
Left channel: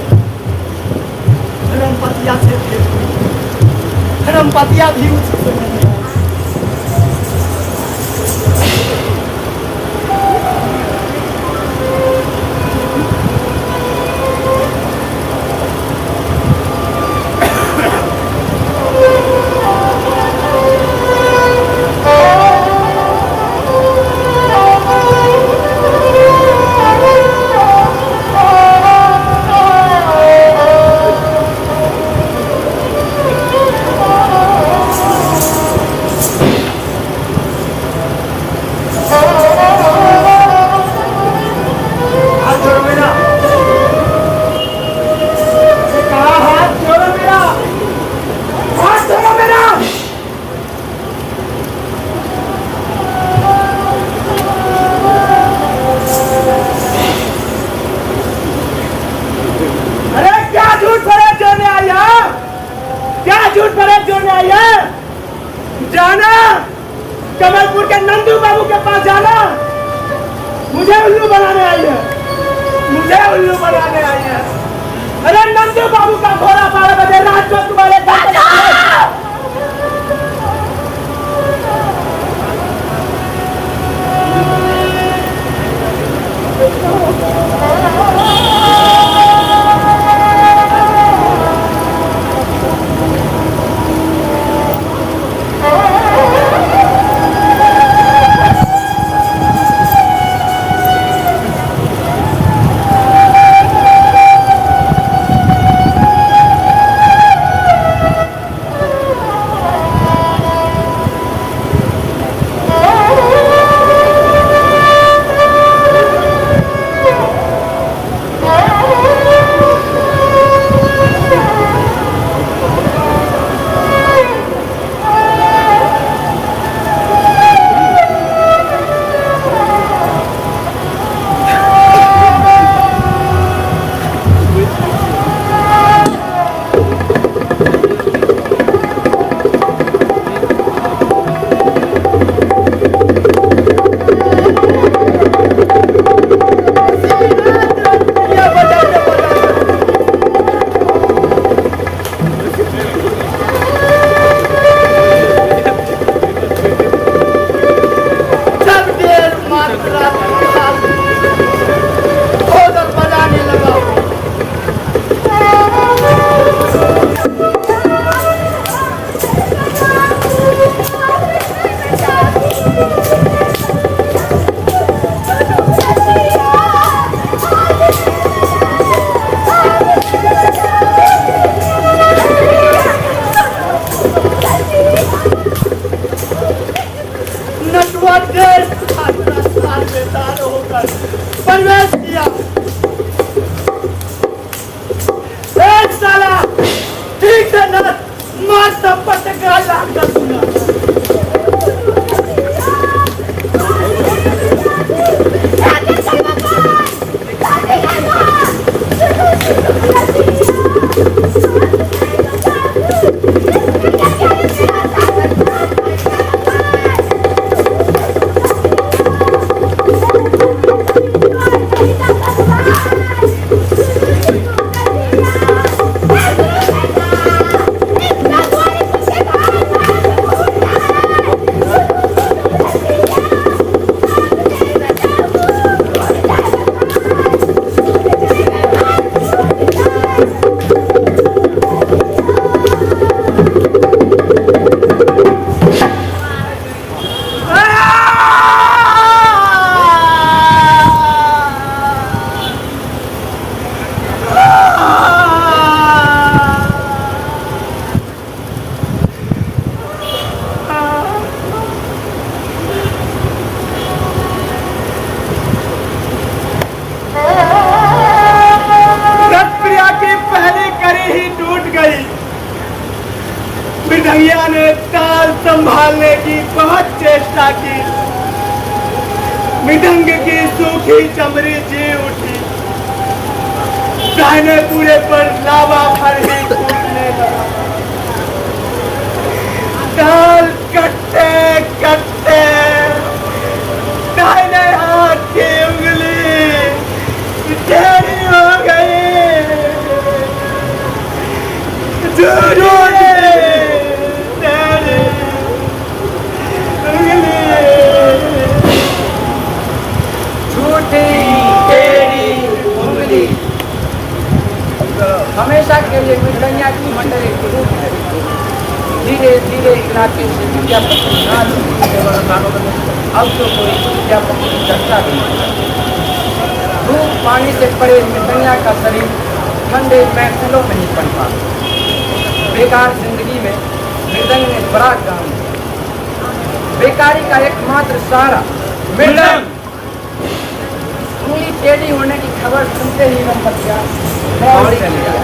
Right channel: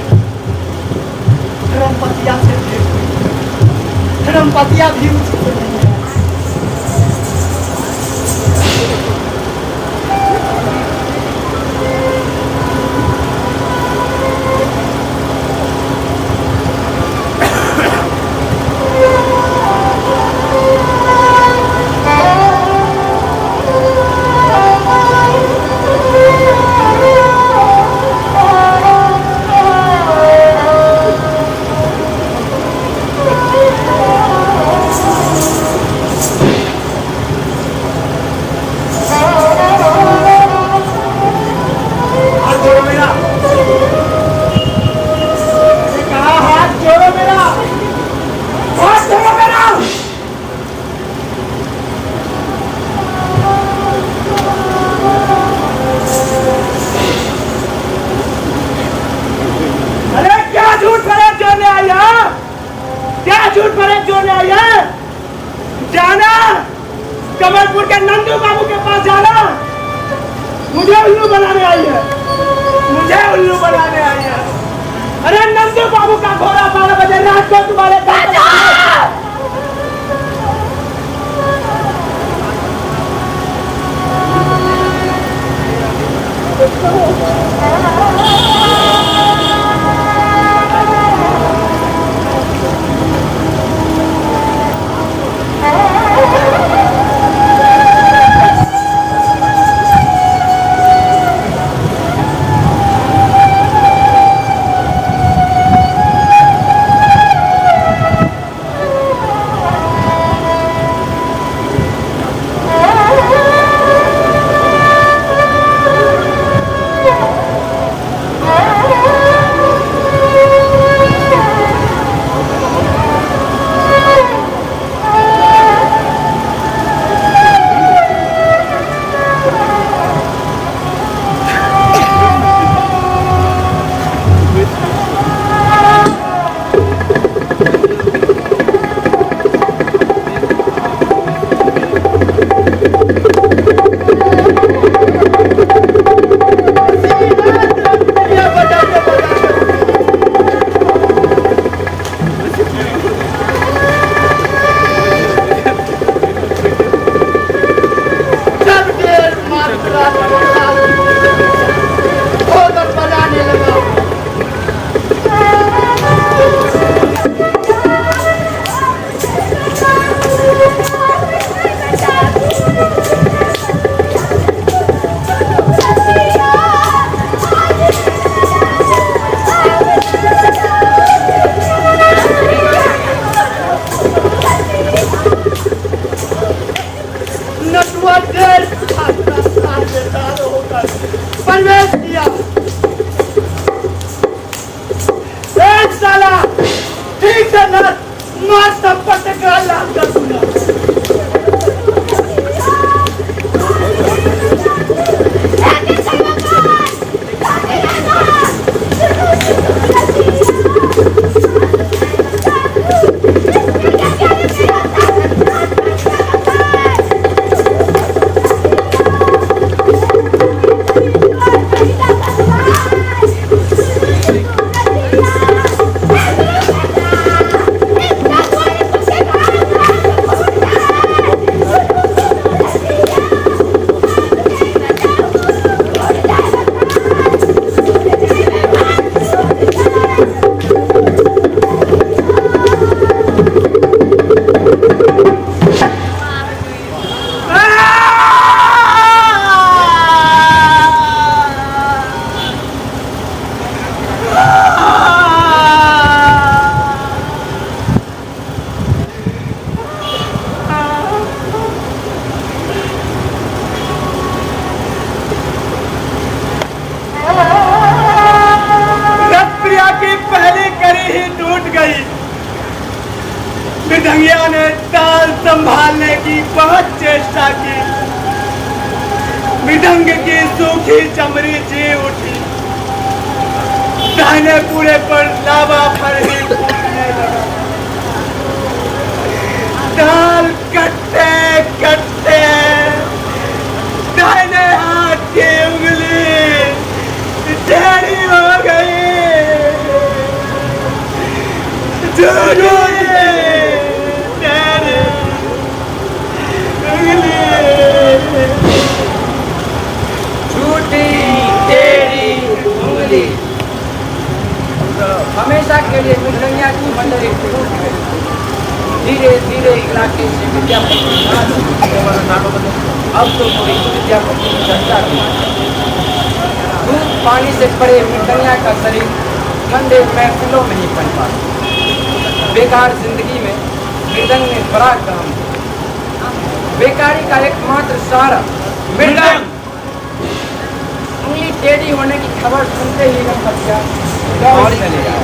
रमपतिया से भेंट हुई। रमपतिया भी उसी को ले गया। झूठ फरेब जोड़ने आई है। जाना कमलपुर के नंदू बाबू के पास जाना, मुझे उल्लू बनाने आई है, मुझे उल्लू बनाने आई है। अरे नंदू बाबू का घोड़ा 12 बजे रात को तुम्हारे घर मृदंगिया ने ताल संभालने की बहुत चेष्टा की। मृदंग की सूखी चमड़ी जी उठी, दाहिने पूरे पर लावा पर ही फूटने लगा। ताल कटते कटते दाहिने हाथ की उंगली टेढ़ी हो गई। झूठी टेढ़ी उंगली। हमेशा के लिए मृदंगिया की मंडली टूट गई। धीरे धीरे इलाके से विद्यापति नाच अब तो कोई विद्यापति की चर्चा नहीं। धूप पानी से पड़े मृदंगिया का शरीर ठंडे महफिलों में ही पनपा। बेकार जिंदगी में मृदंग ने बड़ा काम किया। बेकारी का एकमात्र सहारा मृदंग। उंगली टेढ़ी होने की खबर सुनते ही मैं पतिया दौड़ चले गया।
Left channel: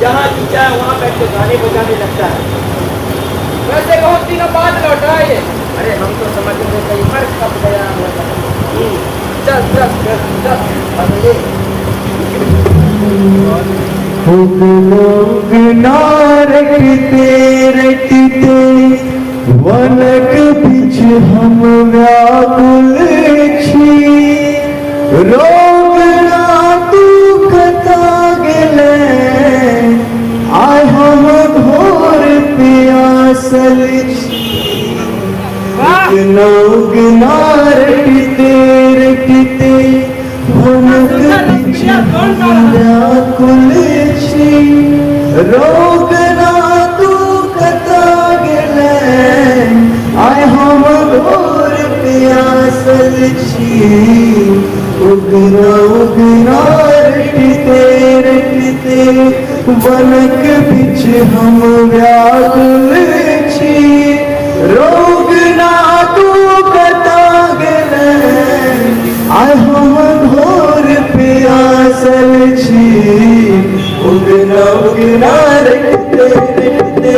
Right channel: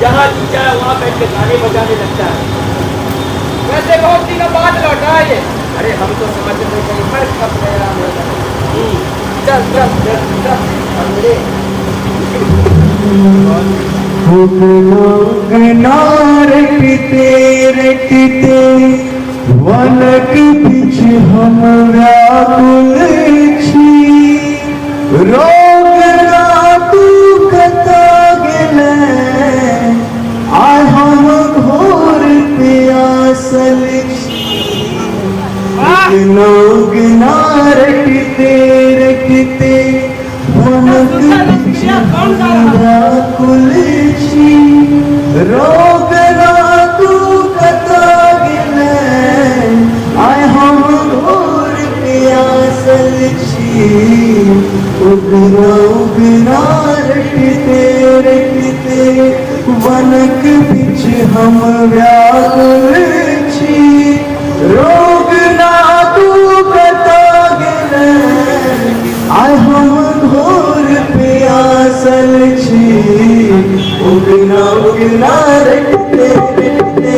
जहाँ जी चाहे वहाँ बैठ के गाने बजाने लगता है। वैसे बहुत दिनों बाद लौटा ये। अरे हम तो समझते थे कहीं मर खप गया होगा। चल चल चल चल अब ले। रटते वनक बिच हम व्याकुल छी रोग रातु कता गेले आय हम घोर प्यासल छी लोग रटते रटते वनक बिच हम व्याकुल छी रोग रातु कता गेले आय हम घोर प्यासल छी उगरा उगरा रटते रटते वनक बिच हम व्याकुल छी रोग रातु कता गेले आय हम घोर प्यासल छी उगरा उगरा रटते रटते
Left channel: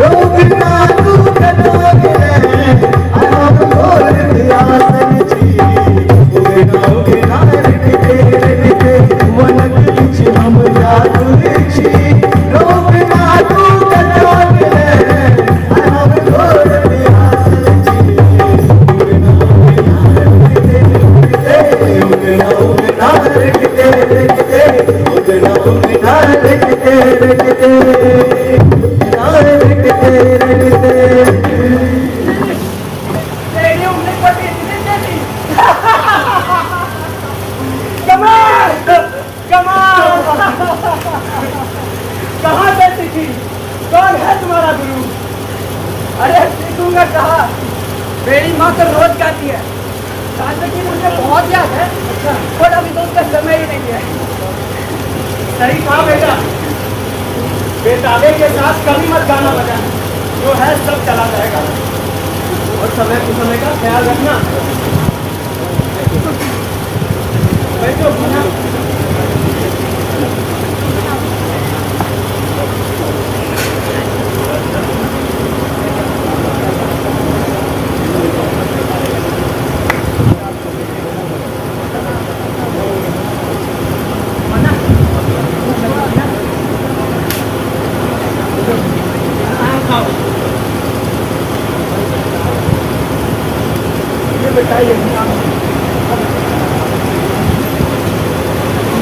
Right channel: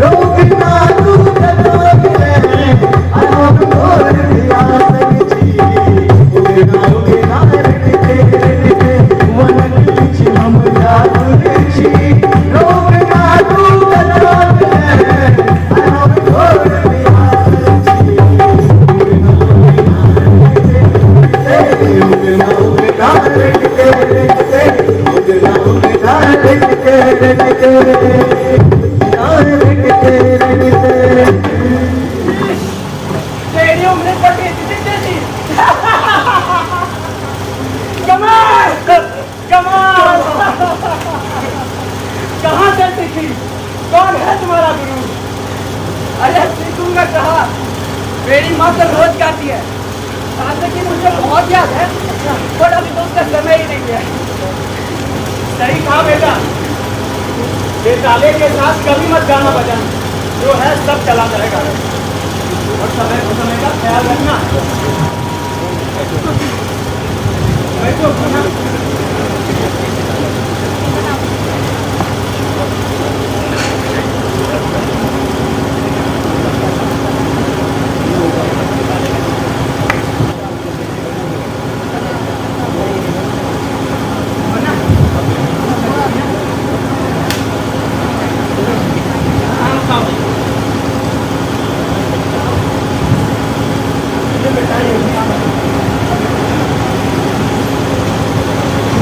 रोग रातु कता गेले आय हम घोर प्यासल छी उगरा उगरा रटते रटते वनक बिच हम व्याकुल छी रोग रातु कता गेले आय हम घोर प्यासल छी तेरी उंगली पटी इतनी तेजी। कमाल कमाल। कहाँ से सीखी? कौन है तुम्हारा गुरु? अरे सीखूंगा कहाँ? मेरी माँ तो रोज गाती है। गाने की मुझे बहुत याद है। अच्छा पर अभी तो उसका समय ही नहीं है। सही कहा बेटा। बेताले के साथ कभी मत गाना बजाना, जो है सब चला जाएगा। और समय को समय का ख्याल रखना। बैठो खाना।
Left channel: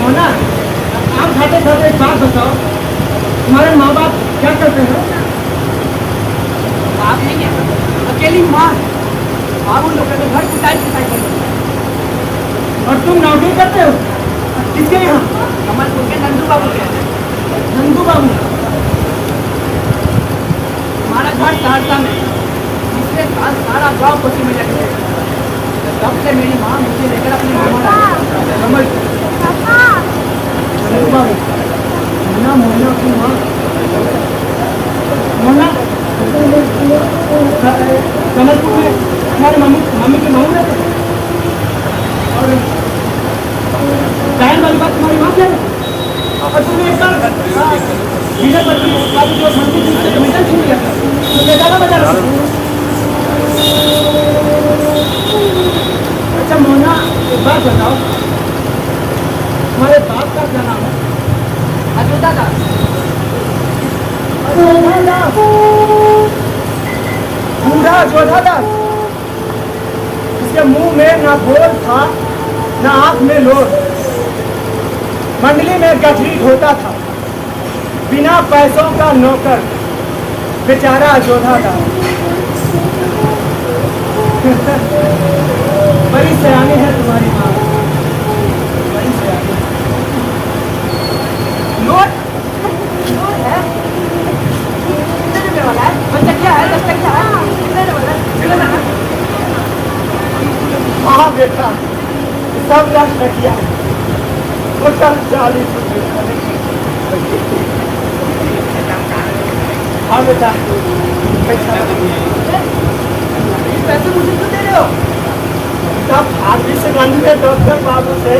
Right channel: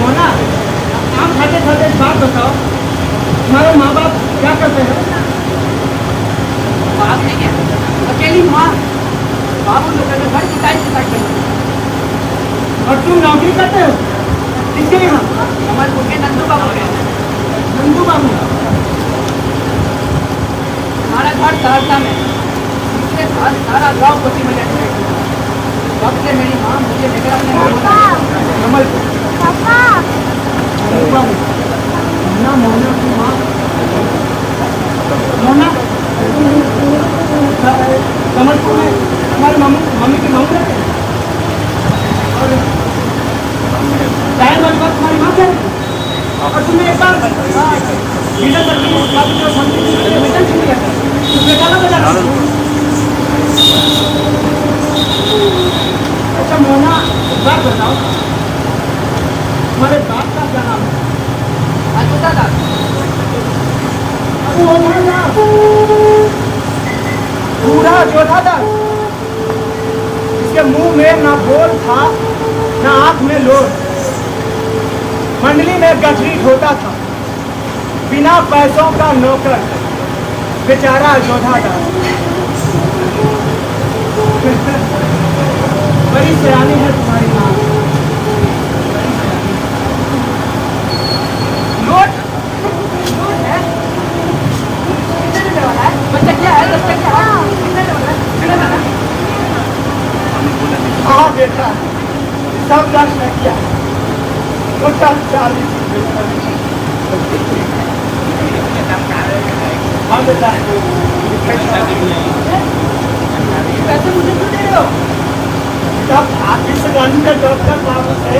मोना, आप खाते खाते एक बात बताओ, तुम्हारे माँ बाप क्या करते हैं? बाप नहीं है, अकेली माँ। बाबू लोग घर कुटाई कुटाई करते। और तुम नौकरी करते हो? किसके यहाँ? कमलपुर के नंदू बाबू के। नंदू बाबू। हमारा घर सहरसा में। इसके बाद सारा गाँव कोसी में जाके तब से मेरी माँ मुझे लेकर अपने मामा डाले कमलपुर। नंदू बाबू, मोना मोना की माँ। मोना, कमलपुर में हमारे मम्मी के मामू रहते हैं। और टाइम वाली बात तुम्हारी माँ कह। और तुमने एक बार लीडर पर जो संगीत मीटर छीन गया था, तो बेचारा बजा रहा। अच्छा मोना, एक बात बताओ, तुम्हारे बाप का क्या नाम है? अयोध्या दास। अयोध्या दास, बूढ़ा अयोध्या दास। इसके मुंह में ना बोल था, ना आंख में लोर। मंडली में गठरी ढोता था, बिना पैसों का नौकर, बेचारा अयोध्या दास। बड़ी सयानी है तुम्हारी माँ, बड़ी सयानी। नोट नोट है, कितने देने वाला है? बच्चा क्या है? 10 टकिया है, कितने देने वाला है? चले जाना। हाँ बेटा, सब 10 टकिया है, टोटल 40 रुपये। हाँ बेटा, पैसे मुझे क्यों दे रहे हो? तब आखिर से गांधी के डॉक्टर बाबू से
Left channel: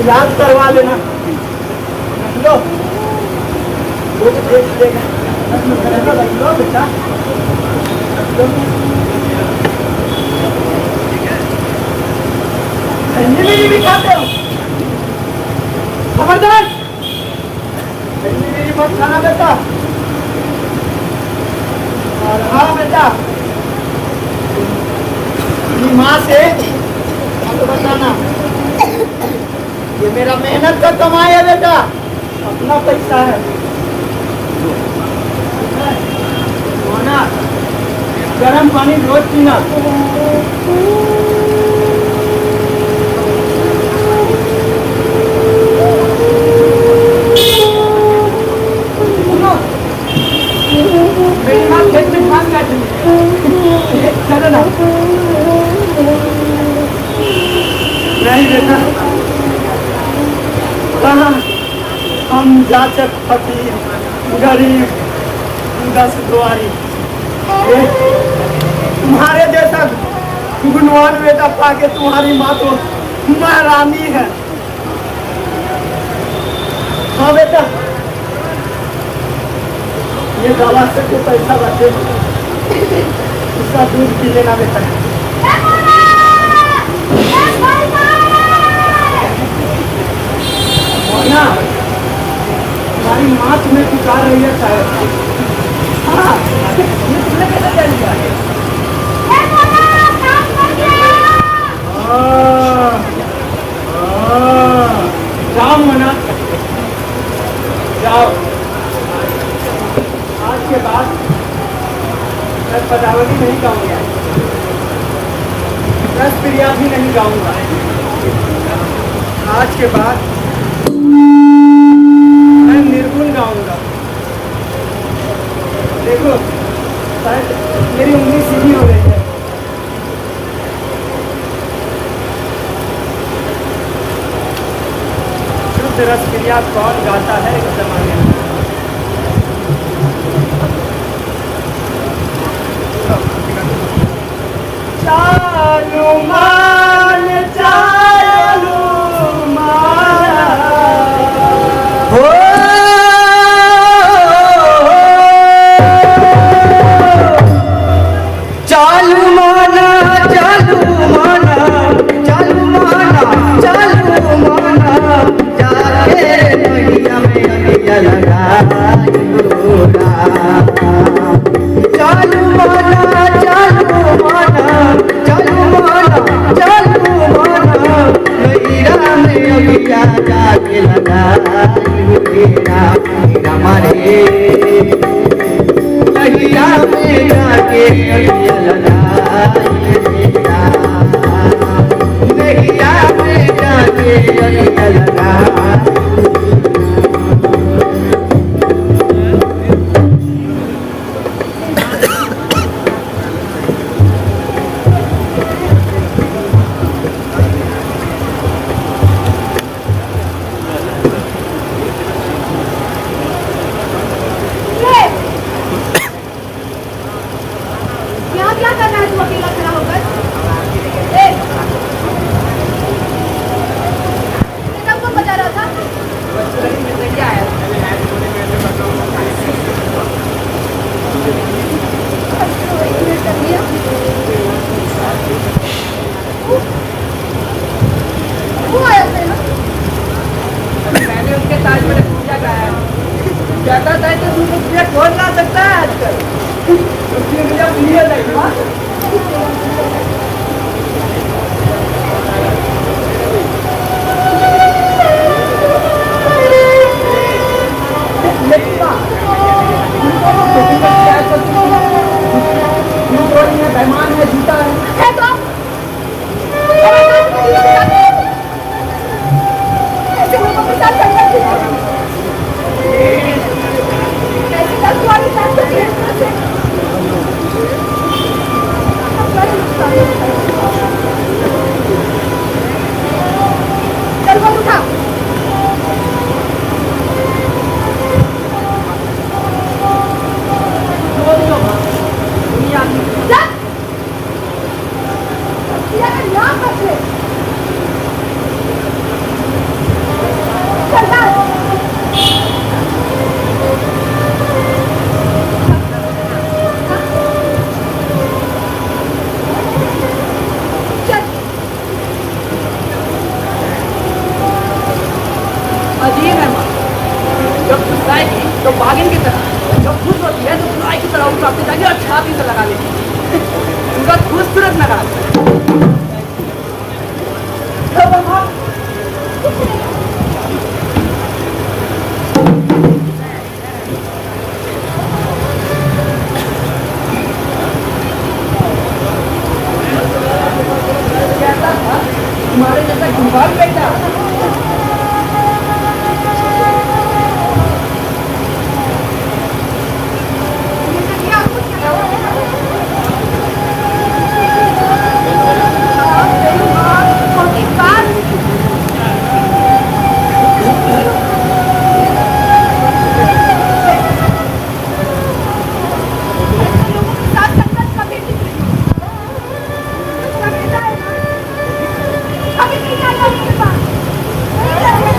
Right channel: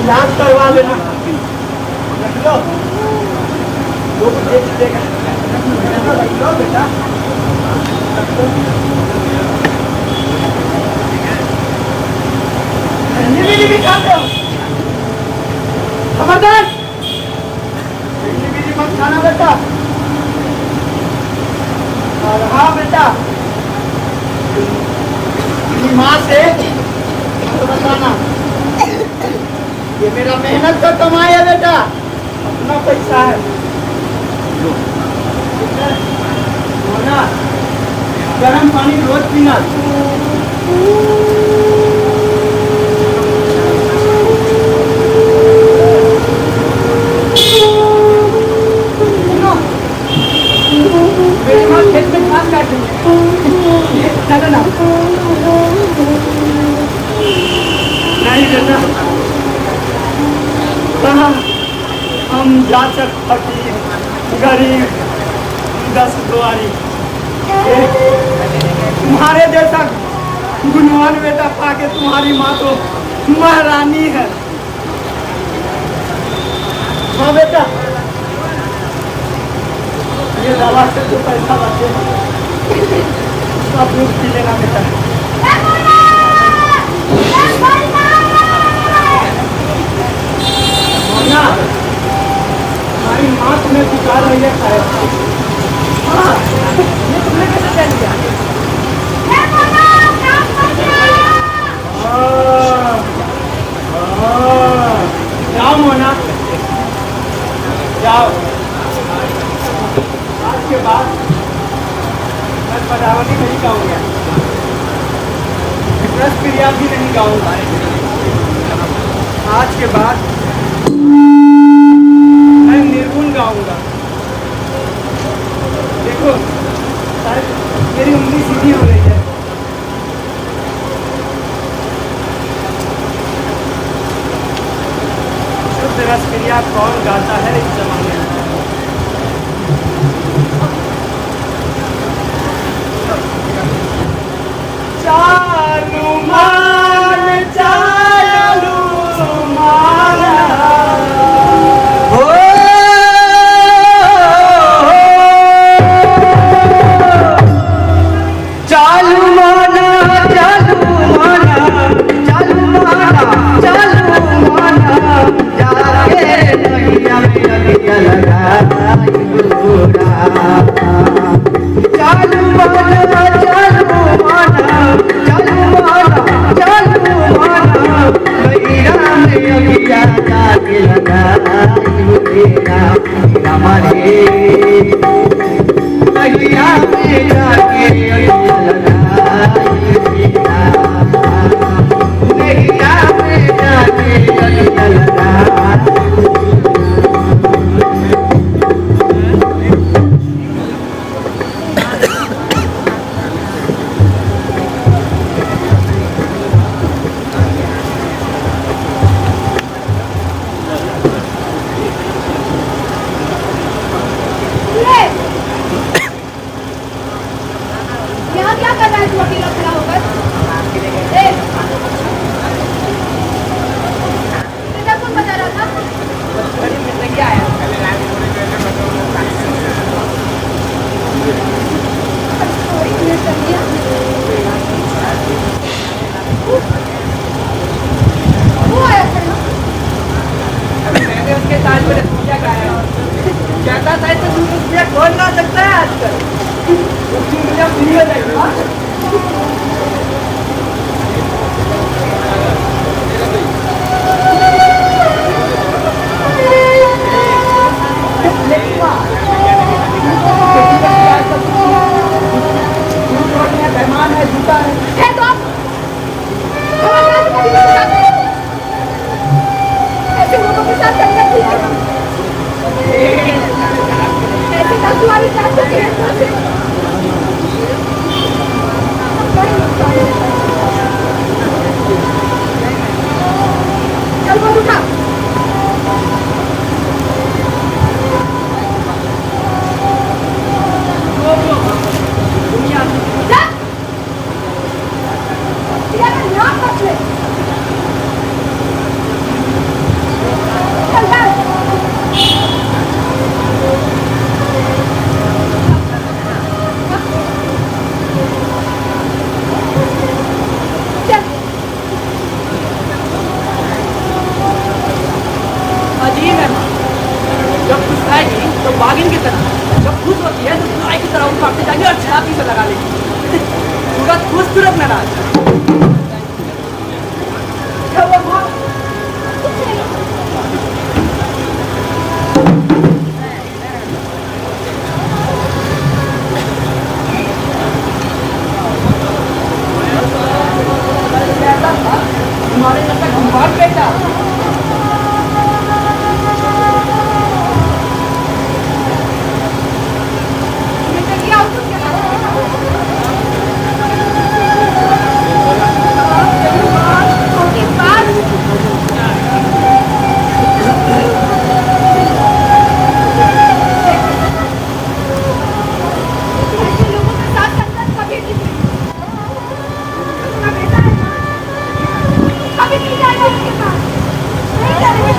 इलाज करवा लेना। रख लो, लोग देख देगा। रख लो बेटा, रख लो। संजीवनी भी खाते हो? खबरदार, संजीवनी मत खाना बेटा। और हाँ बेटा, माँ से मत बताना, ये मेरा मेहनत का कमाई है बेटा, अपना पैसा है। ठीक है? सोना, गर्म पानी रोज पीना। सुनो, मेरी माँ खेत में घास काट रही है, चलो ना। नहीं बेटा, कहाँ, हम जाचक फकीर गरीब 10 दुआरी, तुम्हारे जैसा गुणवान बेटा पाके तुम्हारी माँ तो महारानी है। हाँ बेटा, ये दवा से जो पैसा बचे उसका दूध पी लेना बेटा। मोना, तुम्हारी माँ तुम्हें पुकार रही है शायद। हाँ, ये तुमने कैसे जान लिया? जाओ मोना, जाओ। आज के बाद मैं पदावली नहीं गाऊंगा, रस प्रिया भी नहीं गाऊंगा। आज के बाद मैं निर्गुण गाऊंगा। देखो, शायद मेरी उंगली सीधी हो रही है। शुद्ध रस क्रिया कौन गाता है इस जमाने में? चालू मान, चालू माना हो। चालू माना, चालू माना, चालू माना, चालू माना, जाके नैया में जलना गोरा। चालू माना, चालू माना, चालू माना, चालू माना, मैरा में अभिया जाके लगा गोरा। हमारे मैया में जाके अभिया लगा गोरा। मैया में जाके अभिया लगा। क्या कर रहा है तू अकेला खड़ा होकर? ए, तेरा कौन बजा रहा था? जाएगी तो बागिन की तरह, जब खुश होती है तो गाय की तरह उठाते जाएगी और छाती से लगा लेगी। सूरत खुश सूरत नाराज। कुछ नहीं। कहता था तुम्हारे जैसा गुम्बार बेटा। तुमने किया और कुछ क्या करो बेटा? हाँ, सही बात, छोटी बात। ऐसे लोगों के साथ संगत कभी नहीं करी। तो तुम्हारा बेटा है ना, कभी नहीं जाएगा उसके पास, नहीं जाएगा।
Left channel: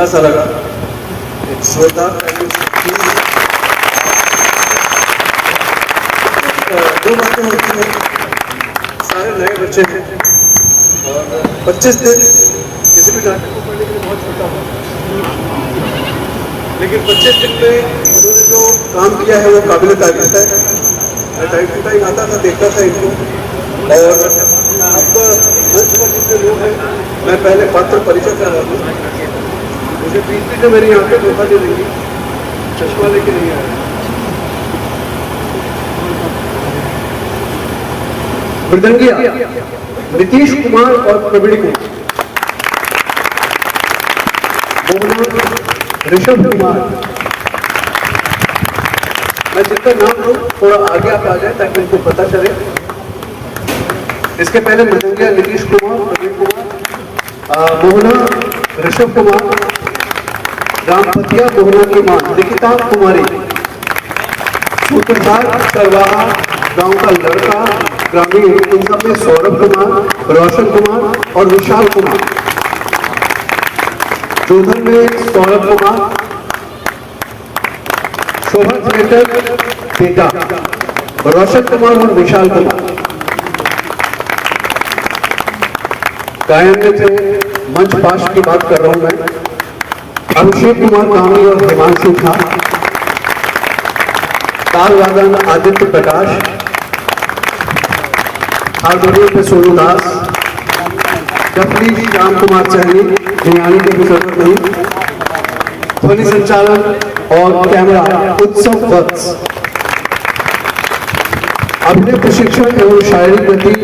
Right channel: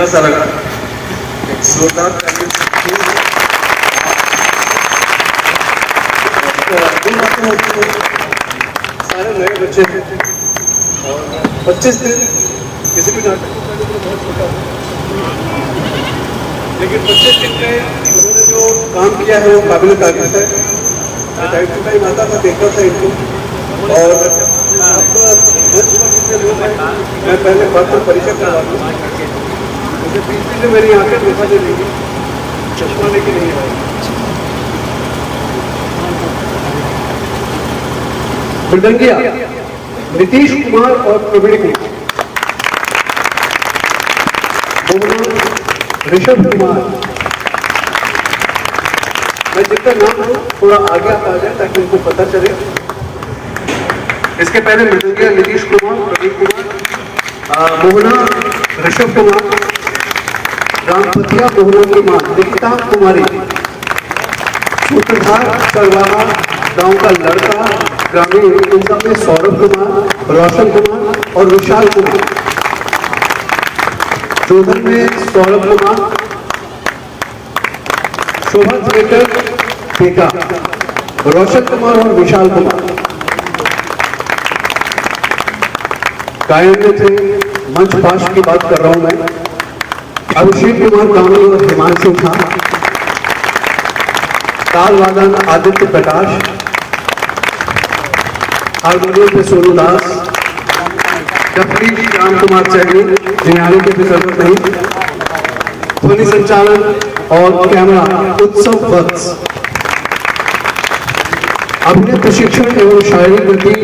कैसा लगा? एक जोरदार थैंक यू। सारे नए बच्चे थे और 25 दिन किसी भी नाटक को करने के लिए बहुत छोटा हो, लेकिन 25 दिन में उन्होंने जो काम किया है वो काबिल तारीफ है। और टाइम टू टाइम आता था, देखता था इनको। और अब मंच पर जितने लोग हैं, मैं पहले बात पर परिचय करवा दूँ। मुझे बीच में जो मेरी आंखें देखा जो नहीं, चश्मा लेके नहीं आया। मृदंगिया नीतीश कुमार और प्रवीण कुमार, ऋषभ कुमार। मैं जितना नाम लूँ थोड़ा आगे आप आ जाए ताकि उनको पता चले। इसके पहले मृदंगिया नीतीश कुमार, प्रवीण कुमार, मोहना ऋषभ कुमार, रामपतिया मोहना की मां निकिता कुमारी, सूत्रधार सरवाहा गांव का लड़का ग्रामीण, उनका में सौरभ कुमार, रोशन कुमार और विशाल कुमार। जोधन में सौरभ कुमार, शोभा थिएटर बेटा, रोशन कुमार और विशाल कुमार। गायन में थे मंच पाश की बात कर रहा हूं मैं, अभिषेक कुमार कामी और हिमांशु झा। ताल वादन आदित्य प्रकाश, हारमोनियम पे सोनू दास, डफली श्याम कुमार सैनी, जिन्यानी की भी जरूरत नहीं, ध्वनि संचालन और कैमरा उत्सव वत्स, अभिनय प्रशिक्षण एवं शारीरिक गति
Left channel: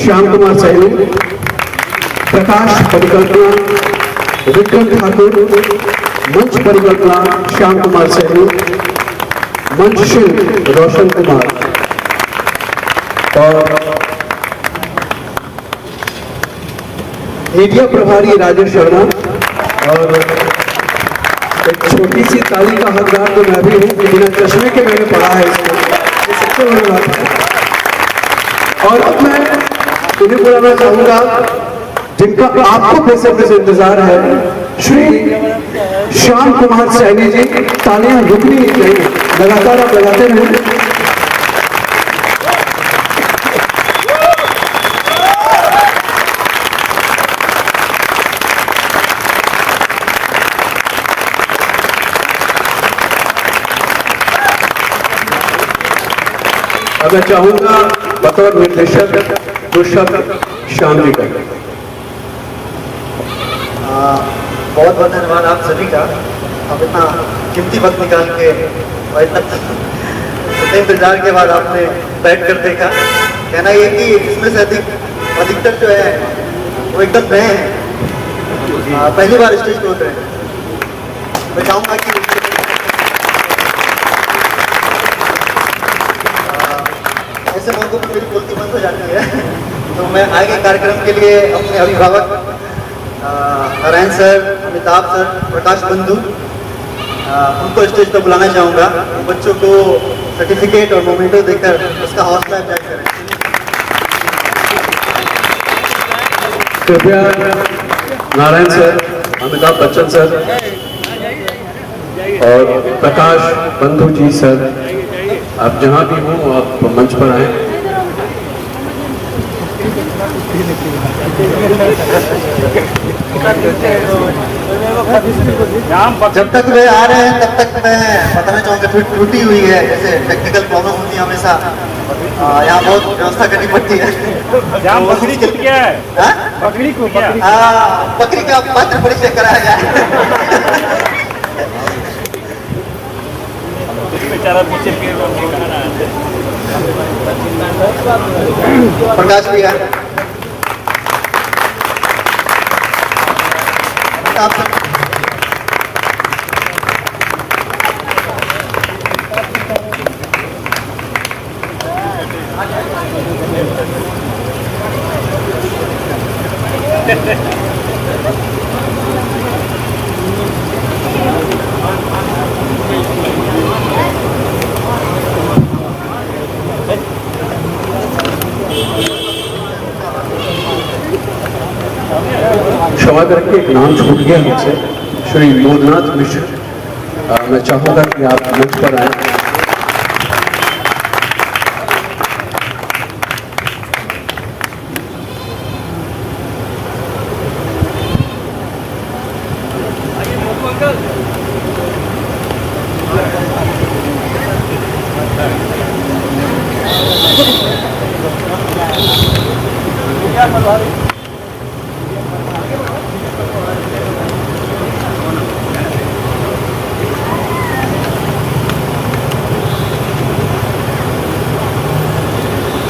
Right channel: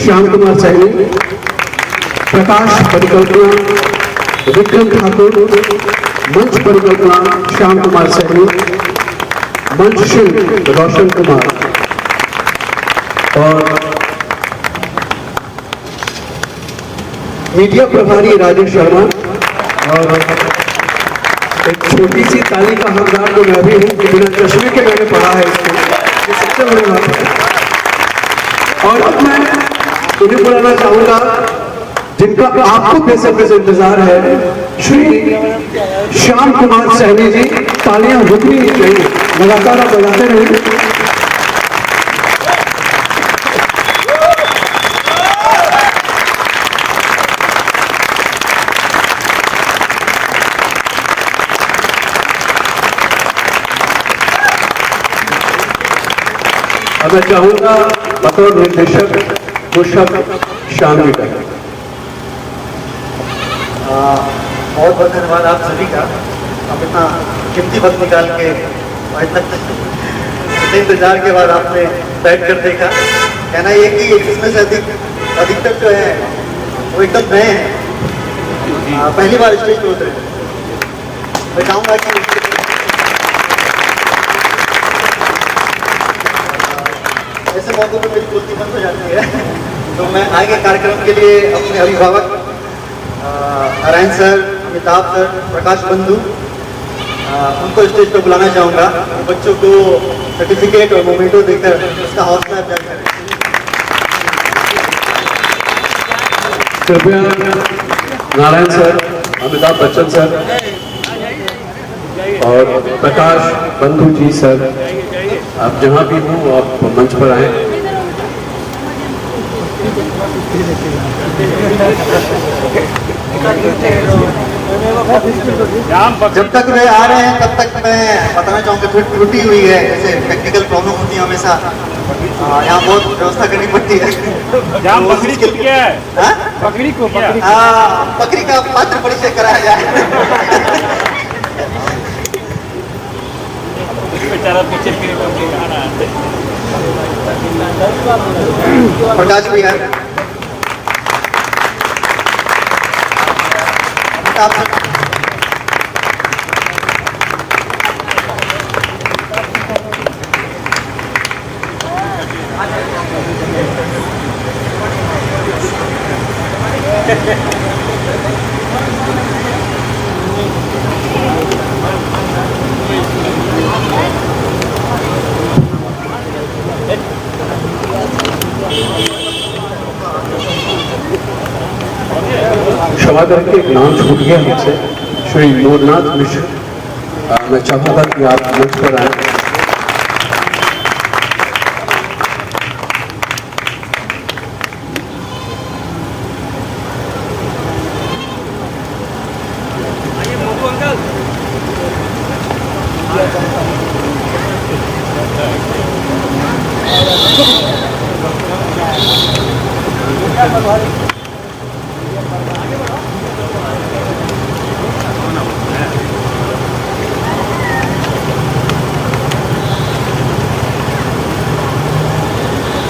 श्याम कुमार सैनी, प्रकाश परिकल्पना विक्रम ठाकुर, मंच परिकल्पना श्याम कुमार सैनी, मंच शिल्प रोशन कुमार और मीडिया प्रभारी राजेश शर्मा। और एक छोटी सी ताली का हकदार तो मैं भी हूँ कि बिना चश्मे के मैंने पढ़ा है इसको, ये सबसे बड़ी बात है। और अब मैं उन्हें बुलाना चाहूंगा जिनका आपको बेसब्री से इंतजार है, श्री श्याम कुमार सैनी जी। तालियां रुकनी नहीं चाहिए, लगातार आप बजाते रहिए। अब मैं चाहूंगा बतौर निर्देशक दुष्यंत शामली का। बहुत बहुत धन्यवाद आप सभी का। अब इतना कीमती वक्त निकाल के और इतने इंतजार के बाद आपने बैठ कर देखा। कहना ये कि इसमें से अधिकतर जो है वो एकदम नए हैं, पहली बार स्टेज पे उतरे। मैं चाहूँगा कि ऐसे मौकों पर मेरी बोलती बंद हो जाती है, तो मैं आगे कार्यक्रम के लिए अपने अभिभावक नारायण सर, अमिताभ सर, प्रकाश बंधु, उनको स्टेज पर बुलाना चाहूँगा। बच्चों को सर्टिफिकेट और मोमेंटो देकर उसका हौसला अफजाई करें। कृपया नारायण सर, अमिताभ बच्चन सर और प्रकाश बंधु जी सर, आप जहाँ भी हो आप मंच पर आए। जब तक वे आ रहे हैं तब तक मैं बताना चाहूँगा फिर टूटी हुई है, जैसे टेक्निकल प्रॉब्लम होती है हमेशा, यहाँ बहुत व्यवस्था करनी पड़ती है। जाम बकरी टूट गया है, बकरी को बकरी का पात्र परिचय कराया जाए। बेचारा पीछे पेड़ कहा रहा है। प्रकाश भी है, आप क्षमा करें, करके एक नाम छूट गया मुझसे, श्री मोदनाथ मिश्र। मैं चाहूँगा कि आप मंच पर आए।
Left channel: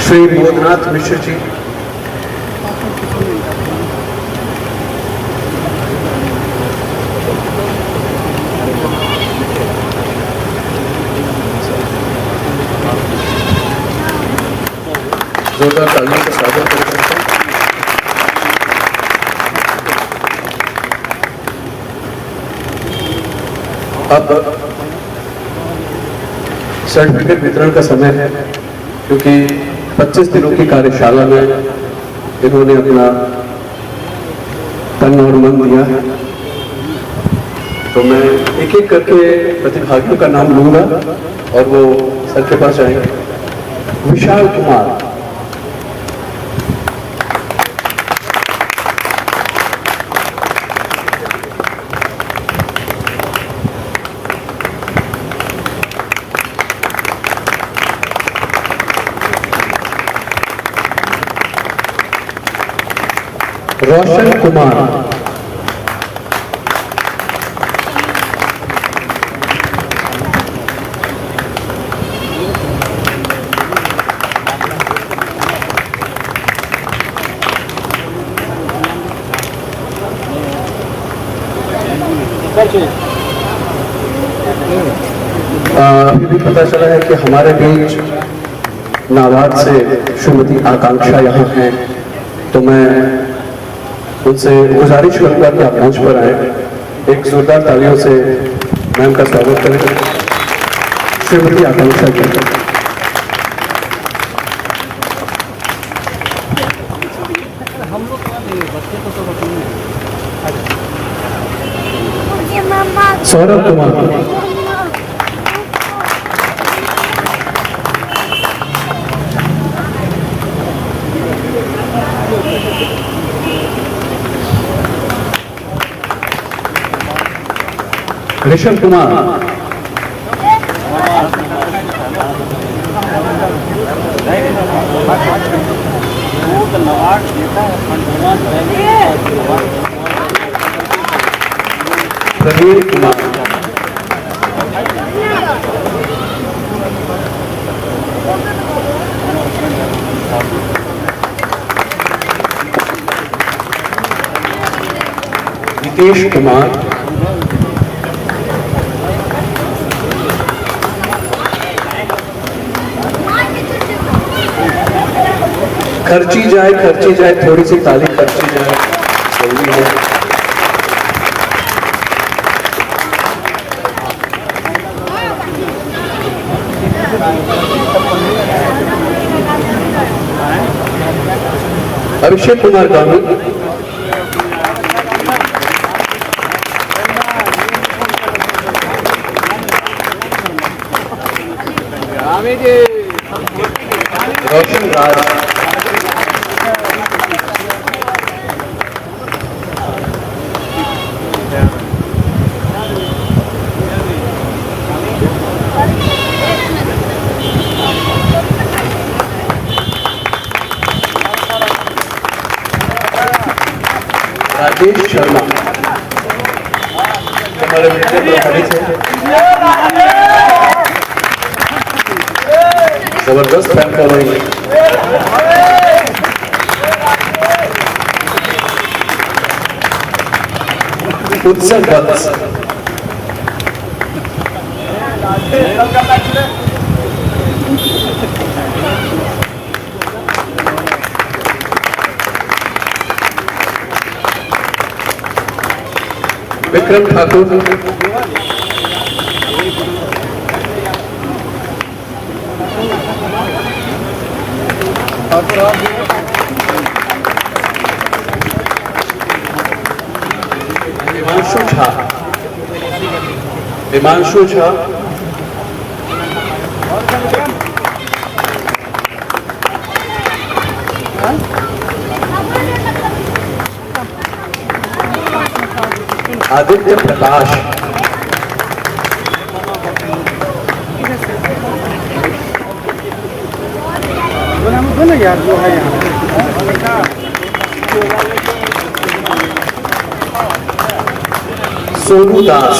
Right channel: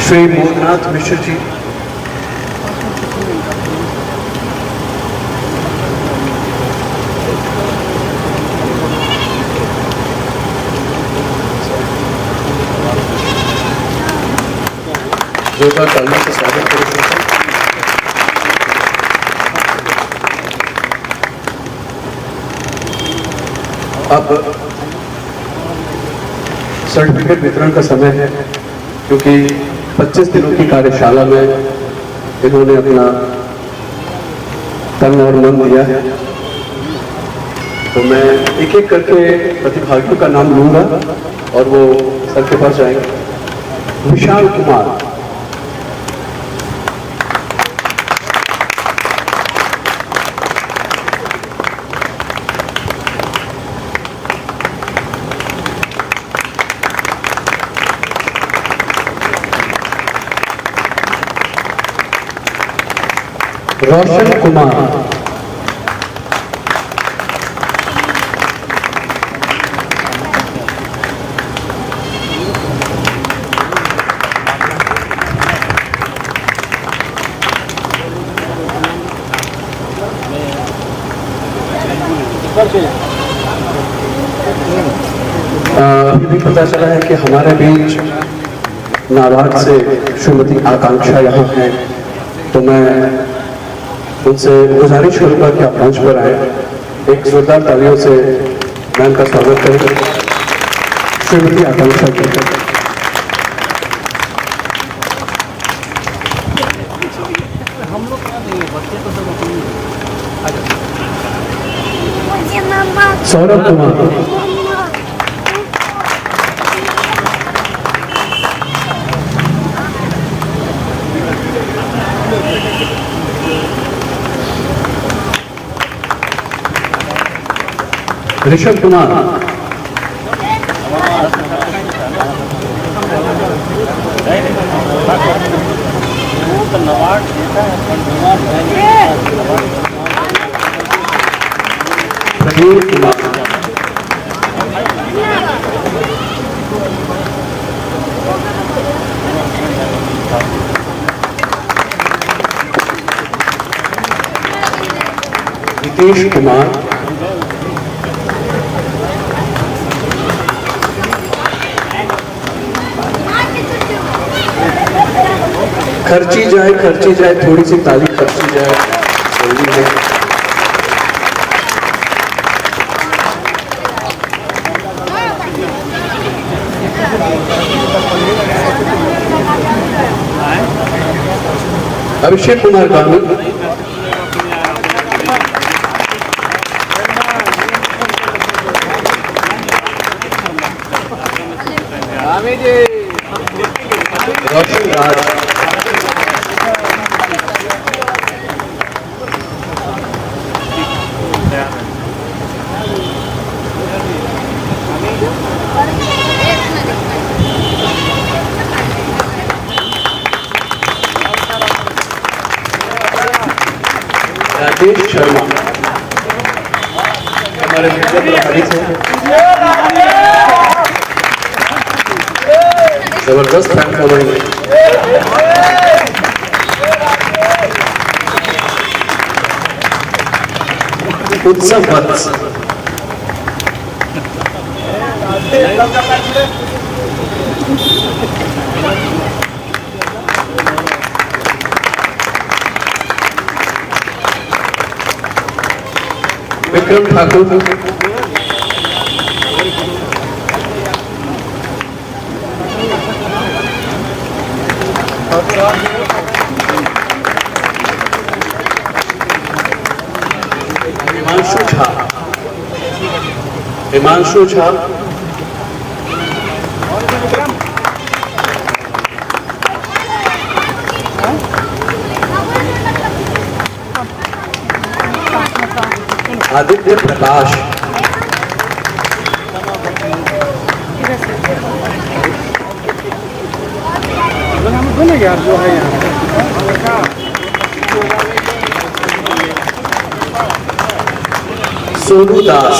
श्री मोदनाथ मिश्र जी, जोरदार तालियों से स्वागत करें। अब सर्टिफिकेट वितरण का समय है, क्योंकि 25 दिनों की कार्यशाला में इन्होंने अपना तन और मन दिया है। तो मैं एक एक करके प्रतिभागियों का नाम लूंगा और वो सर के पास जाएंगे। विशाल कुमार, रोशन कुमार, अभी भी पता चला है कि हमारे बीच नाबार्ड से श्रीमती आकांक्षा यहाँ हैं, तो मैं उनसे गुजारिश करूंगा कि आप मंच पर आए। एक जोरदार तालियों से मैम का स्वागत करें। श्रीमती आकांक्षा जी। हम लोग क्या देंगे, बच्चे तो सब अपनी। मुझे मम्मा सौरभ कुमार, ऋषभ कुमार, नवाड देता है प्रवीण कुमार, निकेश कुमार, खर्ची जाए थोड़ी सी ताली खर्ची जाए, जल्दी है। अभिषेक कुमार गांधी, रोशन राज, राजेश शर्मा, हमारे मित्र प्रभारी थे, जबरदस्त फैन फॉलोइंग। उत्सव वत्स, विक्रम ठाकुर, हिमांशु झा, आदित्य प्रकाश, यार जो है यहाँ सोनू दास,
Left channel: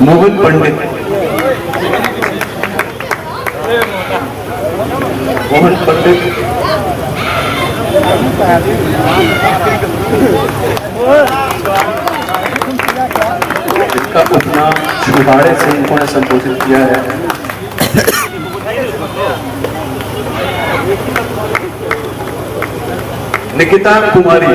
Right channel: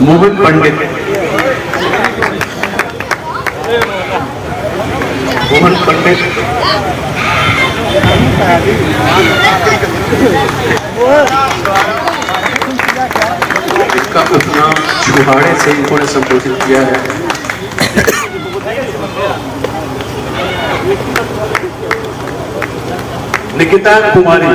मोहन पंडित, मोहन पंडित, इसका उपनाम छिंदवाड़े से इन्होंने संबोधित किया है। निकिता कुमारी,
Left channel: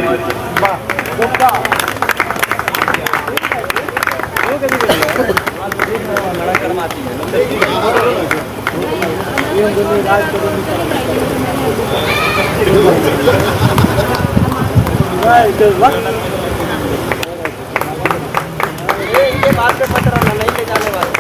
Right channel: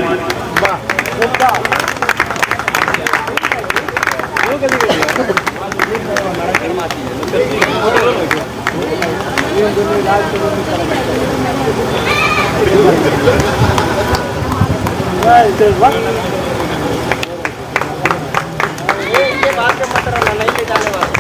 बाद में मत रहना, नहीं ले जाने वाले